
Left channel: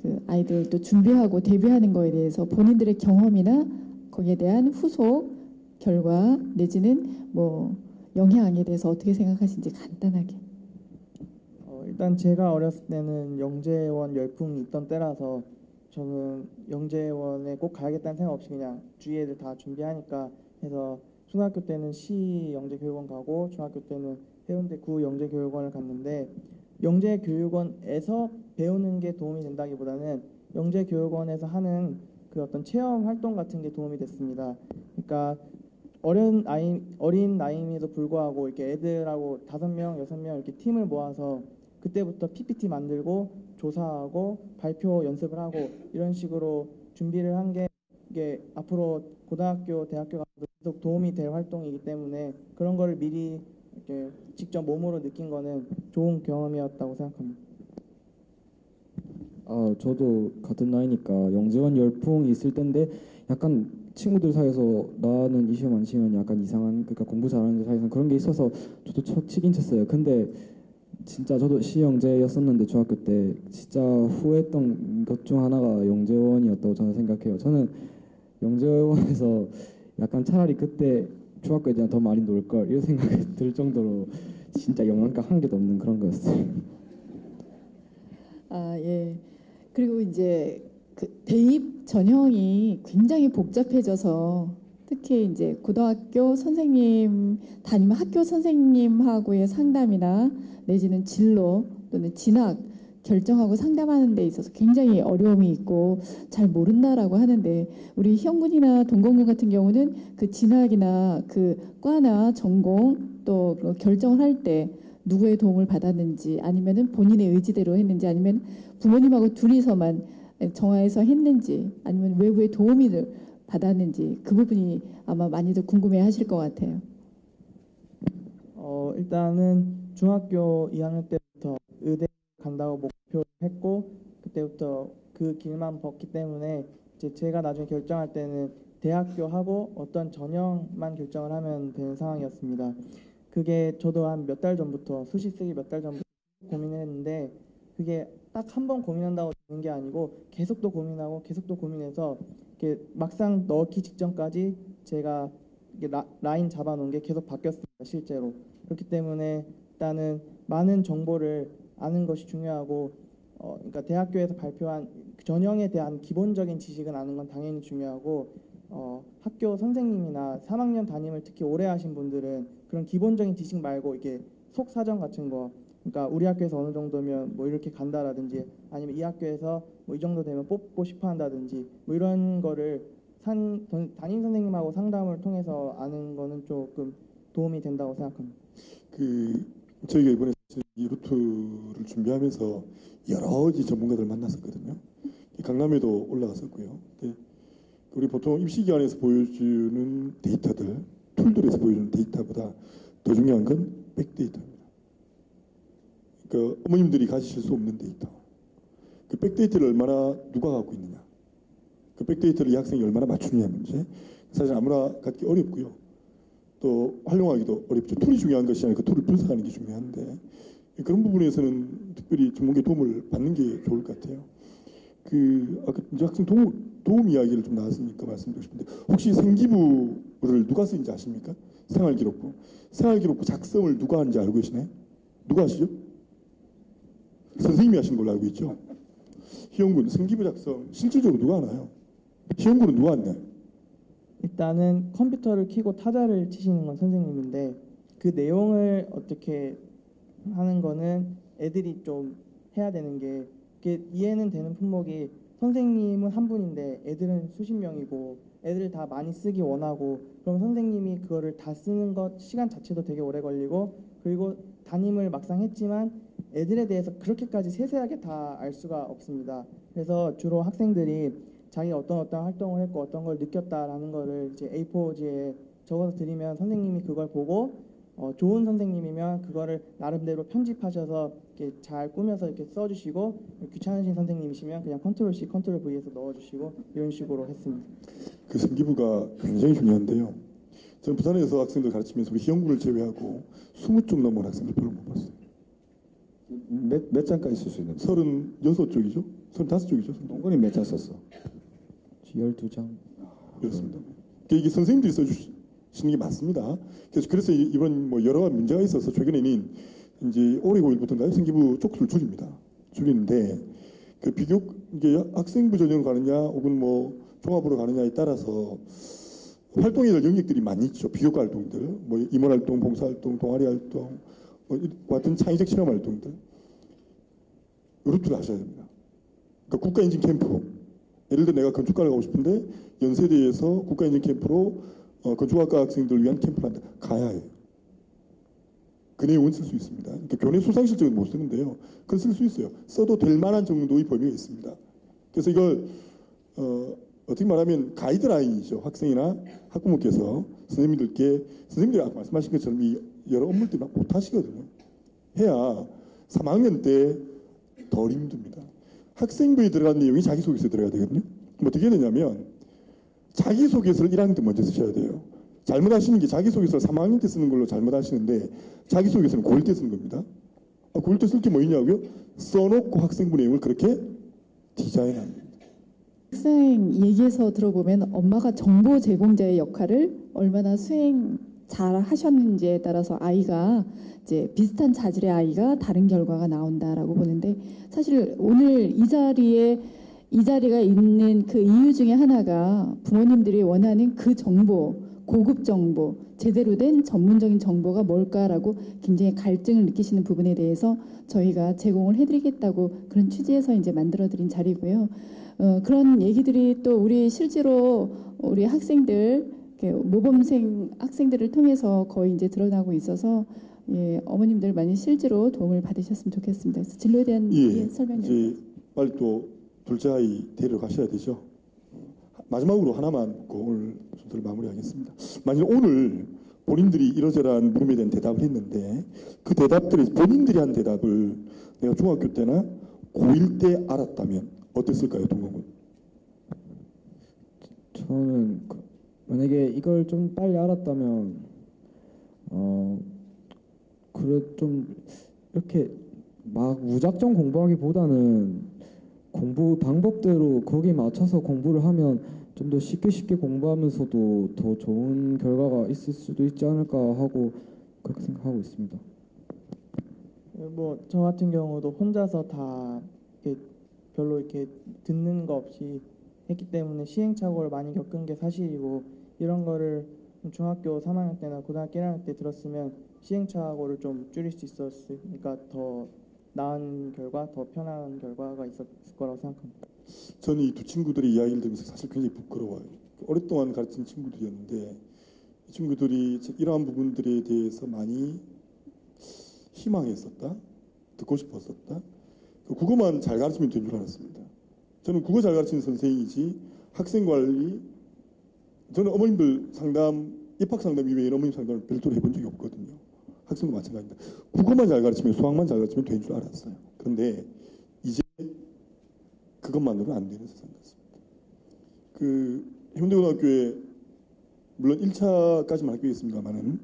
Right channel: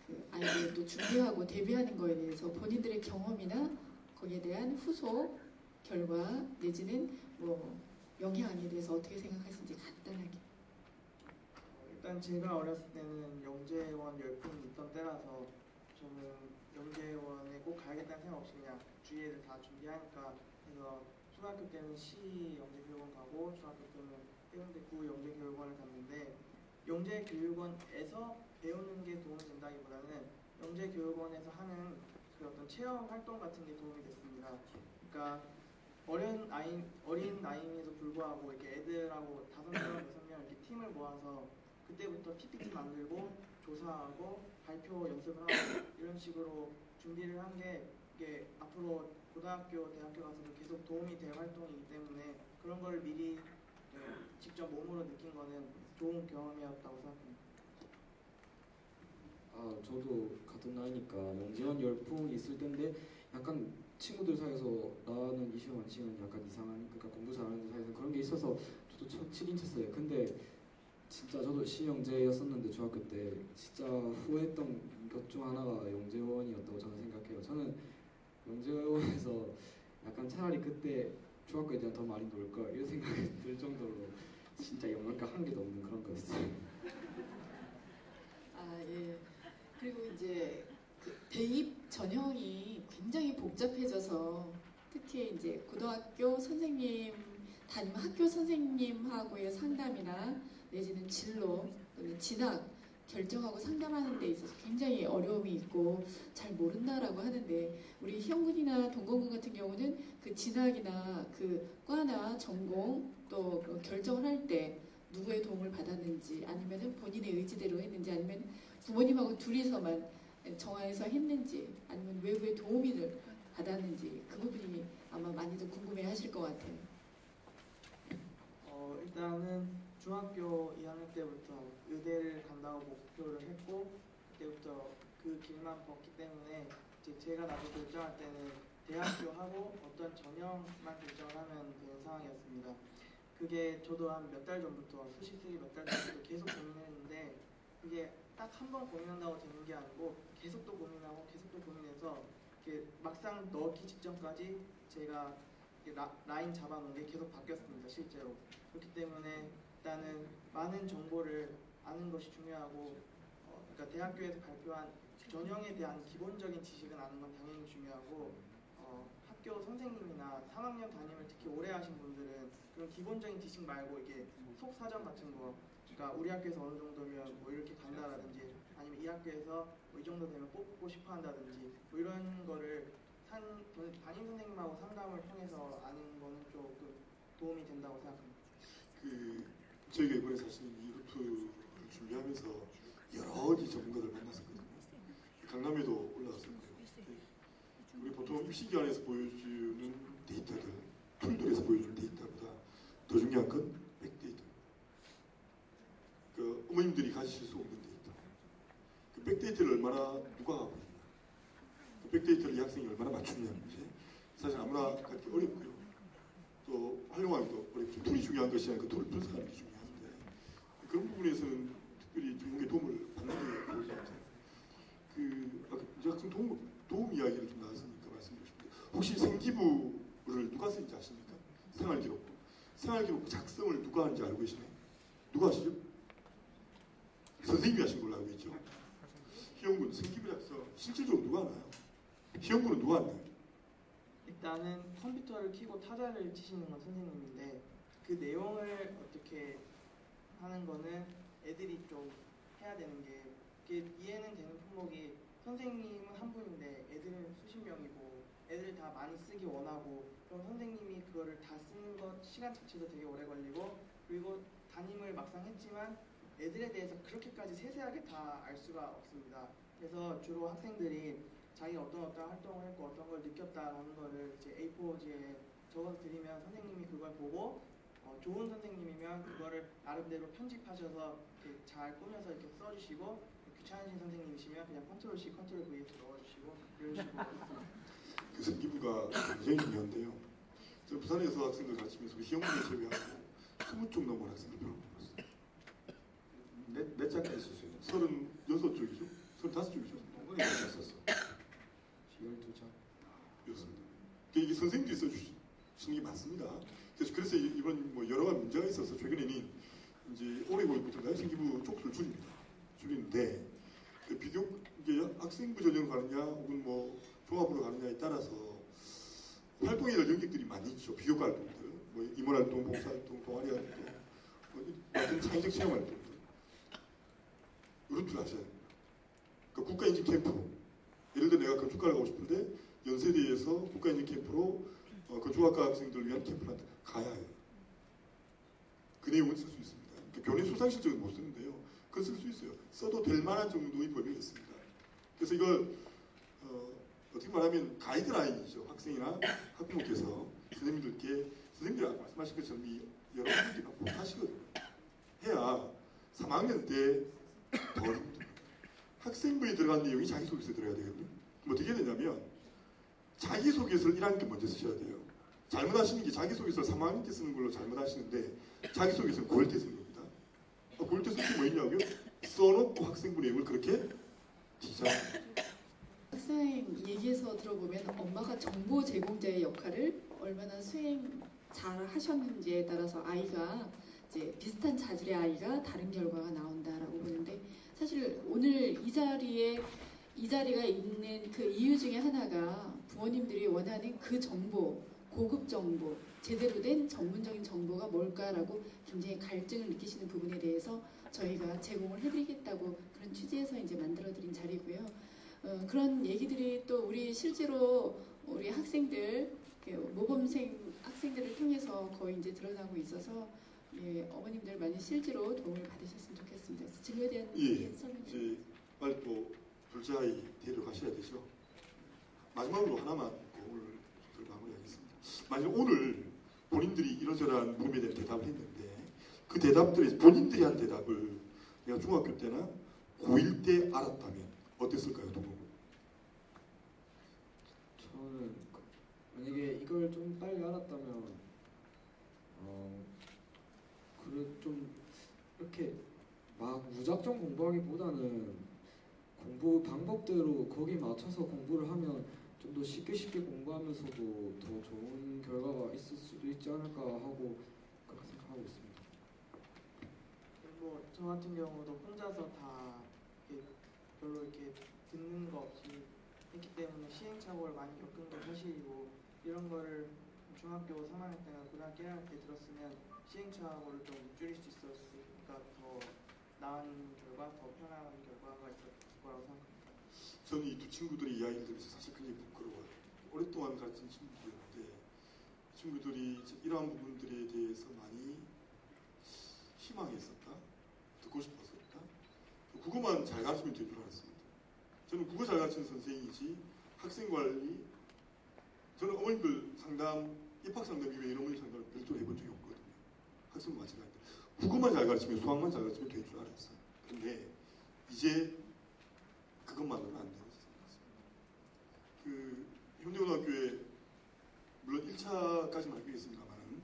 그 아이들 또 준비하고 데뷔하는 거에 대해서 본인들의 경험이나 거기에 대한 후속 결과 내지는 뭐 영향에 대해서 어떻게 생각하시는지 간단하게. 일단 제가 어렸을 때는 영재원 열풍이 있던 때라서 저는 영재원에 꼭 가야겠다는 생각 없이 그냥 주위 애들 다 준비하니까 해서 초등학교 때는 시 영재교육원 가고 중학교 때는 해운대 구 영재교육원을 갔는데, 영재교육원에서 배우는 게 도움이 된다기보다는 영재교육원에서 하는 그 어떤 체험 활동 같은 게 도움이 됐습니다. 그러니까 어린 나이임에도 불구하고 이렇게 애들하고 5명, 6명 이렇게 팀을 모아서 그때부터 PPT 만들고 조사하고 발표 연습을 하고 이런 식으로 준비를 한 게 이게 앞으로 고등학교, 대학교 가서 계속 도움이 될 활동이기 때문에 그런 걸 미리 이렇게 직접 몸으로 느낀 거는 좋은 경험이었다고 생각합니다. 저도 같은 나이니까 영재원 열풍이 있을 텐데 약간 친구들 사이에서 나는 이 시험 안 치면 약간 이상한, 그러니까 공부 잘하는 데 사이에서 그런 게 있어서 저도 치긴 쳤어요. 근데 진짜 저도 시영재였었는데 중학교 때 진짜 후회했던 것 중 하나가 영재원이었다고 저는 생각해요. 저는 영재원에서 약간 차라리 그때 중학교에 대한 더 많이 놀 걸 이런 생각이 들 정도로 진짜 영양가 한 개도 없는 그런 거였어요. 예. 그리고 이제 그 대입 전형이 굉장히 복잡해져서 특히 이제 고등학교 선생님 담임 학교 선생님하고의 상담이나 내지는 진로 또는 진학 결정하고 상담하는 데 있어서 굉장히 어려움이 있고 잘 모른다라고 하는데, 우리 형군이나 동건군 같은 경우는 그 진학이나 그 과나 전공 또 결정할 때 누구의 도움을 받았는지, 아니면은 본인의 의지대로 했는지, 아니면 부모님하고 둘이서만 정하여서 했는지, 아니면 외부의 도움을 받았는지, 그 부분이 아마 많이들 궁금해하실 것 같아요. 일단은 중학교 2학년 때부터 의대를 간다고 목표를 했고 그때부터 그 길만 걷기 때문에 이제 제가 나중에 결정할 때는 대학교하고 어떤 전형만 결정을 하면 되는 상황이었습니다. 그게 저도 한 몇 달 전부터 수시 쓰기 몇 달 전부터 계속 고민했는데 그게 딱 한 번 고민한다고 되는 게 아니고 계속 또 고민하고 계속 또 고민해서 이렇게 막상 넣기 직전까지 제가 이게 라인 잡아놓은 게 계속 바뀌었습니다. 실제로. 그렇기 때문에 일단은 많은 정보를 아는 것이 중요하고 그러니까 대학교에서 발표한 전형에 대한 기본적인 지식은 아는 건 당연히 중요하고 학교 선생님이나 3학년 담임을 특히 오래 하신 분들은 그런 기본적인 지식 말고 이게 속사정 같은 거 그러니까 우리 학교에서 어느 정도면 뭐 이렇게 간다라든지 아니면 이 학교에서 뭐 이 정도 되면 뽑고 싶어 한다든지 뭐 이런 거를 담임 선생님하고 상담을 통해서 아는 거는 조금 도움이 된다고 생각합니다. 저희가 이번에 사실 이 루트를 준비하면서 여러 전문가들 만났었거든요. 강남에도 올라갔었고요. 우리 보통 입시기관에서 보여주는 데이터들, 툴들에서 보여주는 데이터보다 더 중요한 건 백데이터입니다. 그러니까 어머님들이 가지실 수 없는 데이터. 그 백데이터를 얼마나 누가 갖고 있느냐. 그 백데이터를 이 학생이 얼마나 맞추느냐 문제. 사실 아무나 갖기 어렵고요. 또 활용하기도 어렵죠. 툴이 중요한 것이 아니라 그 툴을 분석하는 게 중요한데 그런 부분에서는 특별히 전문가의 도움을 받는 게 좋을 것 같아요. 아까 이제 학생 도움 이야기를 좀 나왔으니까 말씀드리고 싶은데 혹시 생기부를 누가 쓰는지 아십니까? 생활기록부. 생활기록부 작성을 누가 하는지 알고 계시나요? 누가 하시죠? 선생님이 하신 걸로 알고 있죠. 희영군 생기부 작성 실질적으로 누가 하나요? 희영군은 누가 하나요? 일단은 컴퓨터를 켜고 타자를 치시는 건 선생님인데 그 내용을 어떻게 하는 거는 애들이 좀 해야 되는 게 그게 이해는 되는 품목이 선생님은 한 분인데 애들은 수십 명이고 애들 다 많이 쓰기 원하고 그럼 선생님이 그거를 다 쓰는 것 시간 자체도 되게 오래 걸리고 그리고 담임을 막상 했지만 애들에 대해서 그렇게까지 세세하게 다 알 수가 없습니다. 그래서 주로 학생들이 자기가 어떤 활동을 했고 어떤 걸 느꼈다라는 거를 이제 A4지에 적어서 드리면 선생님이 그걸 보고 좋은 선생님이면 그거를 나름대로 편집하셔서 이렇게 잘 꾸며서 이렇게 써주시고 귀찮으신 선생님이시면 그냥 컨트롤 C, 컨트롤 V에서 넣어주시고 이런 식으로 했습니다. 그 생기부가 굉장히 중요한데요. 저는 부산에서 학생들 가르치면서 희영군을 제외하고 20쪽 넘은 학생들 별로 못 봤어요. 몇 장까지 쓸 수 있는? 36쪽이죠? 35쪽이죠? 동근이 몇 장 썼어? 12장. 그렇습니다. 이게 선생님들이 써주시는 게 맞습니다. 그래서 이번 뭐 여러 문제가 있어서 최근에는 이제 올해 5일부터인가요? 생기부 쪽수를 줄이는데 그 비교 이게 학생부 전형 가느냐 혹은 뭐 종합으로 가느냐에 따라서 활동해야 될 영역들이 많이 있죠. 비교과 활동들, 뭐 임원 활동, 봉사 활동, 동아리 활동, 뭐 같은 창의적 실험 활동들 이렇게 하셔야 됩니다. 그러니까 국가인증 캠프 예를 들어 내가 건축가를 하고 싶은데 연세대에서 국가인증 캠프로 건축학과 학생들을 위한 캠프를 한다. 가야 해요. 그 내용은 쓸 수 있습니다. 그러니까 교내 수상 실적은 못 쓰는데요. 그걸 쓸 수 있어요. 써도 될 만한 정도의 범위가 있습니다. 그래서 이걸 어떻게 말하면 가이드라인이죠. 학생이나 학부모께서 선생님들이 아까 말씀하신 것처럼 이 여러 업무들이 막 못하시거든요. 해야 3학년 때 덜 힘듭니다. 학생부에 들어간 내용이 자기소개서에 들어가야 되거든요. 그럼 어떻게 되냐면 자기소개서를 1학년 때 먼저 쓰셔야 돼요. 잘못하시는 게 자기소개서를 3학년 때 쓰는 걸로 잘못하시는데 자기소개서는 고1 때 쓰는 겁니다. 고1 때 쓸 때 뭐냐고요? 써놓고 학생부 내용을 그렇게 디자인합니다. 학생 얘기에서 들어보면 엄마가 정보 제공자의 역할을 얼마나 수행 잘 하셨는지에 따라서 아이가 이제 비슷한 자질의 아이가 다른 결과가 나온다라고 보는데 사실 오늘 이 자리가 있는 그 이유 중에 하나가 부모님들이 원하는 그 정보, 고급 정보, 제대로 된 전문적인 정보가 뭘까라고 굉장히 갈증을 느끼시는 부분에 대해서 저희가 제공을 해드리겠다고 그런 취지에서 이제 만들어드린 자리고요. 그런 얘기들이 또 우리 실제로 우리 학생들 모범생 학생들을 통해서 거의 이제 드러나고 있어서 예, 어머님들 많이 실제로 도움을 받으셨으면 좋겠습니다. 그래서 진로에 대한 설명. 이제 빨리 또 둘째 아이 데려가셔야 되죠. 마지막으로 하나만 오늘 순서를 마무리하겠습니다. 만약 오늘 본인들이 이러저러한 물음에 대한 대답을 했는데 그 대답들을 본인들이 한 대답을 내가 중학교 때나 고1 때 알았다면 어땠을까요, 동동은? 저는 만약에 이걸 좀 빨리 알았다면 그래 좀 이렇게 막 무작정 공부하기보다는 공부 방법대로 거기에 맞춰서 공부를 하면 좀 더 쉽게 공부하면서도 더 좋은 결과가 있을 수도 있지 않을까 하고 그렇게 생각하고 있습니다. 뭐 저 같은 경우도 혼자서 다 이렇게 별로 이렇게 듣는 거 없이 했기 때문에 시행착오를 많이 겪은 게 사실이고, 이런 거를 중학교 3학년 때나 고등학교 1학년 때 들었으면 시행착오를 좀 줄일 수 있었으니까 더 나은 결과, 더 편한 결과가 있었을 거라고 생각합니다. 저는 이 두 친구들의 이야기를 들으면서 사실 굉장히 부끄러워요. 오랫동안 가르친 친구들이었는데 이 친구들이 이러한 부분들에 대해서 많이 희망했었다, 듣고 싶었었다. 국어만 잘 가르치면 된 줄 알았습니다. 저는 국어 잘 가르치는 선생이지 학생 관리, 저는 어머님들 상담, 입학 상담 이외에 어머님 상담을 별도로 해본 적이 없거든요. 학생도 마찬가지입니다. 국어만 잘 가르치면, 수학만 잘 가르치면 된 줄 알았어요. 그런데 이제 그것만으로는 안 되는 세상이 됐습니다. 그 현대고등학교에 물론 1차까지만 할게겠습니다만은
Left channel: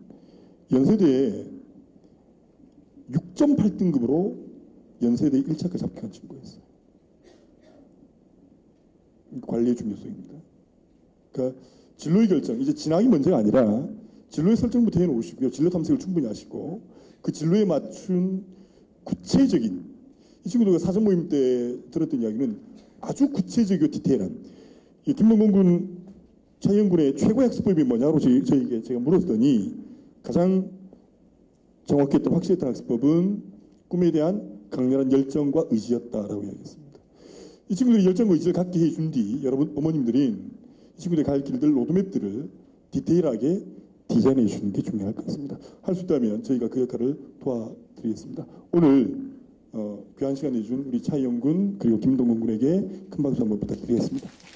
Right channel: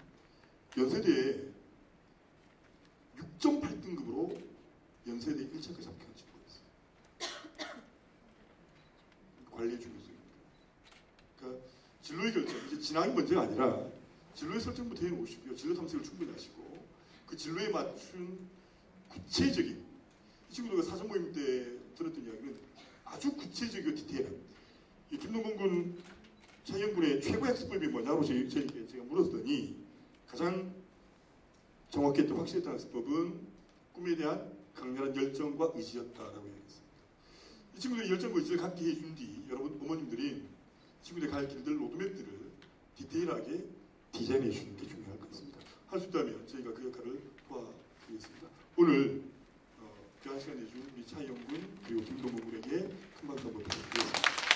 연세대에 6.8등급으로 연세대 1차까지 합격한 친구였어요. 관리의 중요성입니다. 그러니까 진로의 결정, 이제 진학이 문제가 아니라 진로의 설정부터 해놓으시고요. 진로 탐색을 충분히 하시고 그 진로에 맞춘 구체적인, 이 친구들과 사전 모임 때 들었던 이야기는 아주 구체적이고 디테일한, 이 김동건 군, 차이영 군의 최고 학습법이 뭐냐고 저에게 제가 물었더니 가장 정확했던 확실했던 학습법은 꿈에 대한 강렬한 열정과 의지였다라고 이야기했습니다. 이 친구들이 열정과 의지를 갖게 해준 뒤 여러분 어머님들이 이 친구들이 갈 길들, 로드맵들을 디테일하게 디자인해 주시는 게 중요할 것 같습니다. 할 수 있다면 저희가 그 역할을 도와드리겠습니다. 오늘 귀한 시간 내준 우리 차이영 군 그리고 김동건 군에게 큰 박수 한번 부탁드리겠습니다.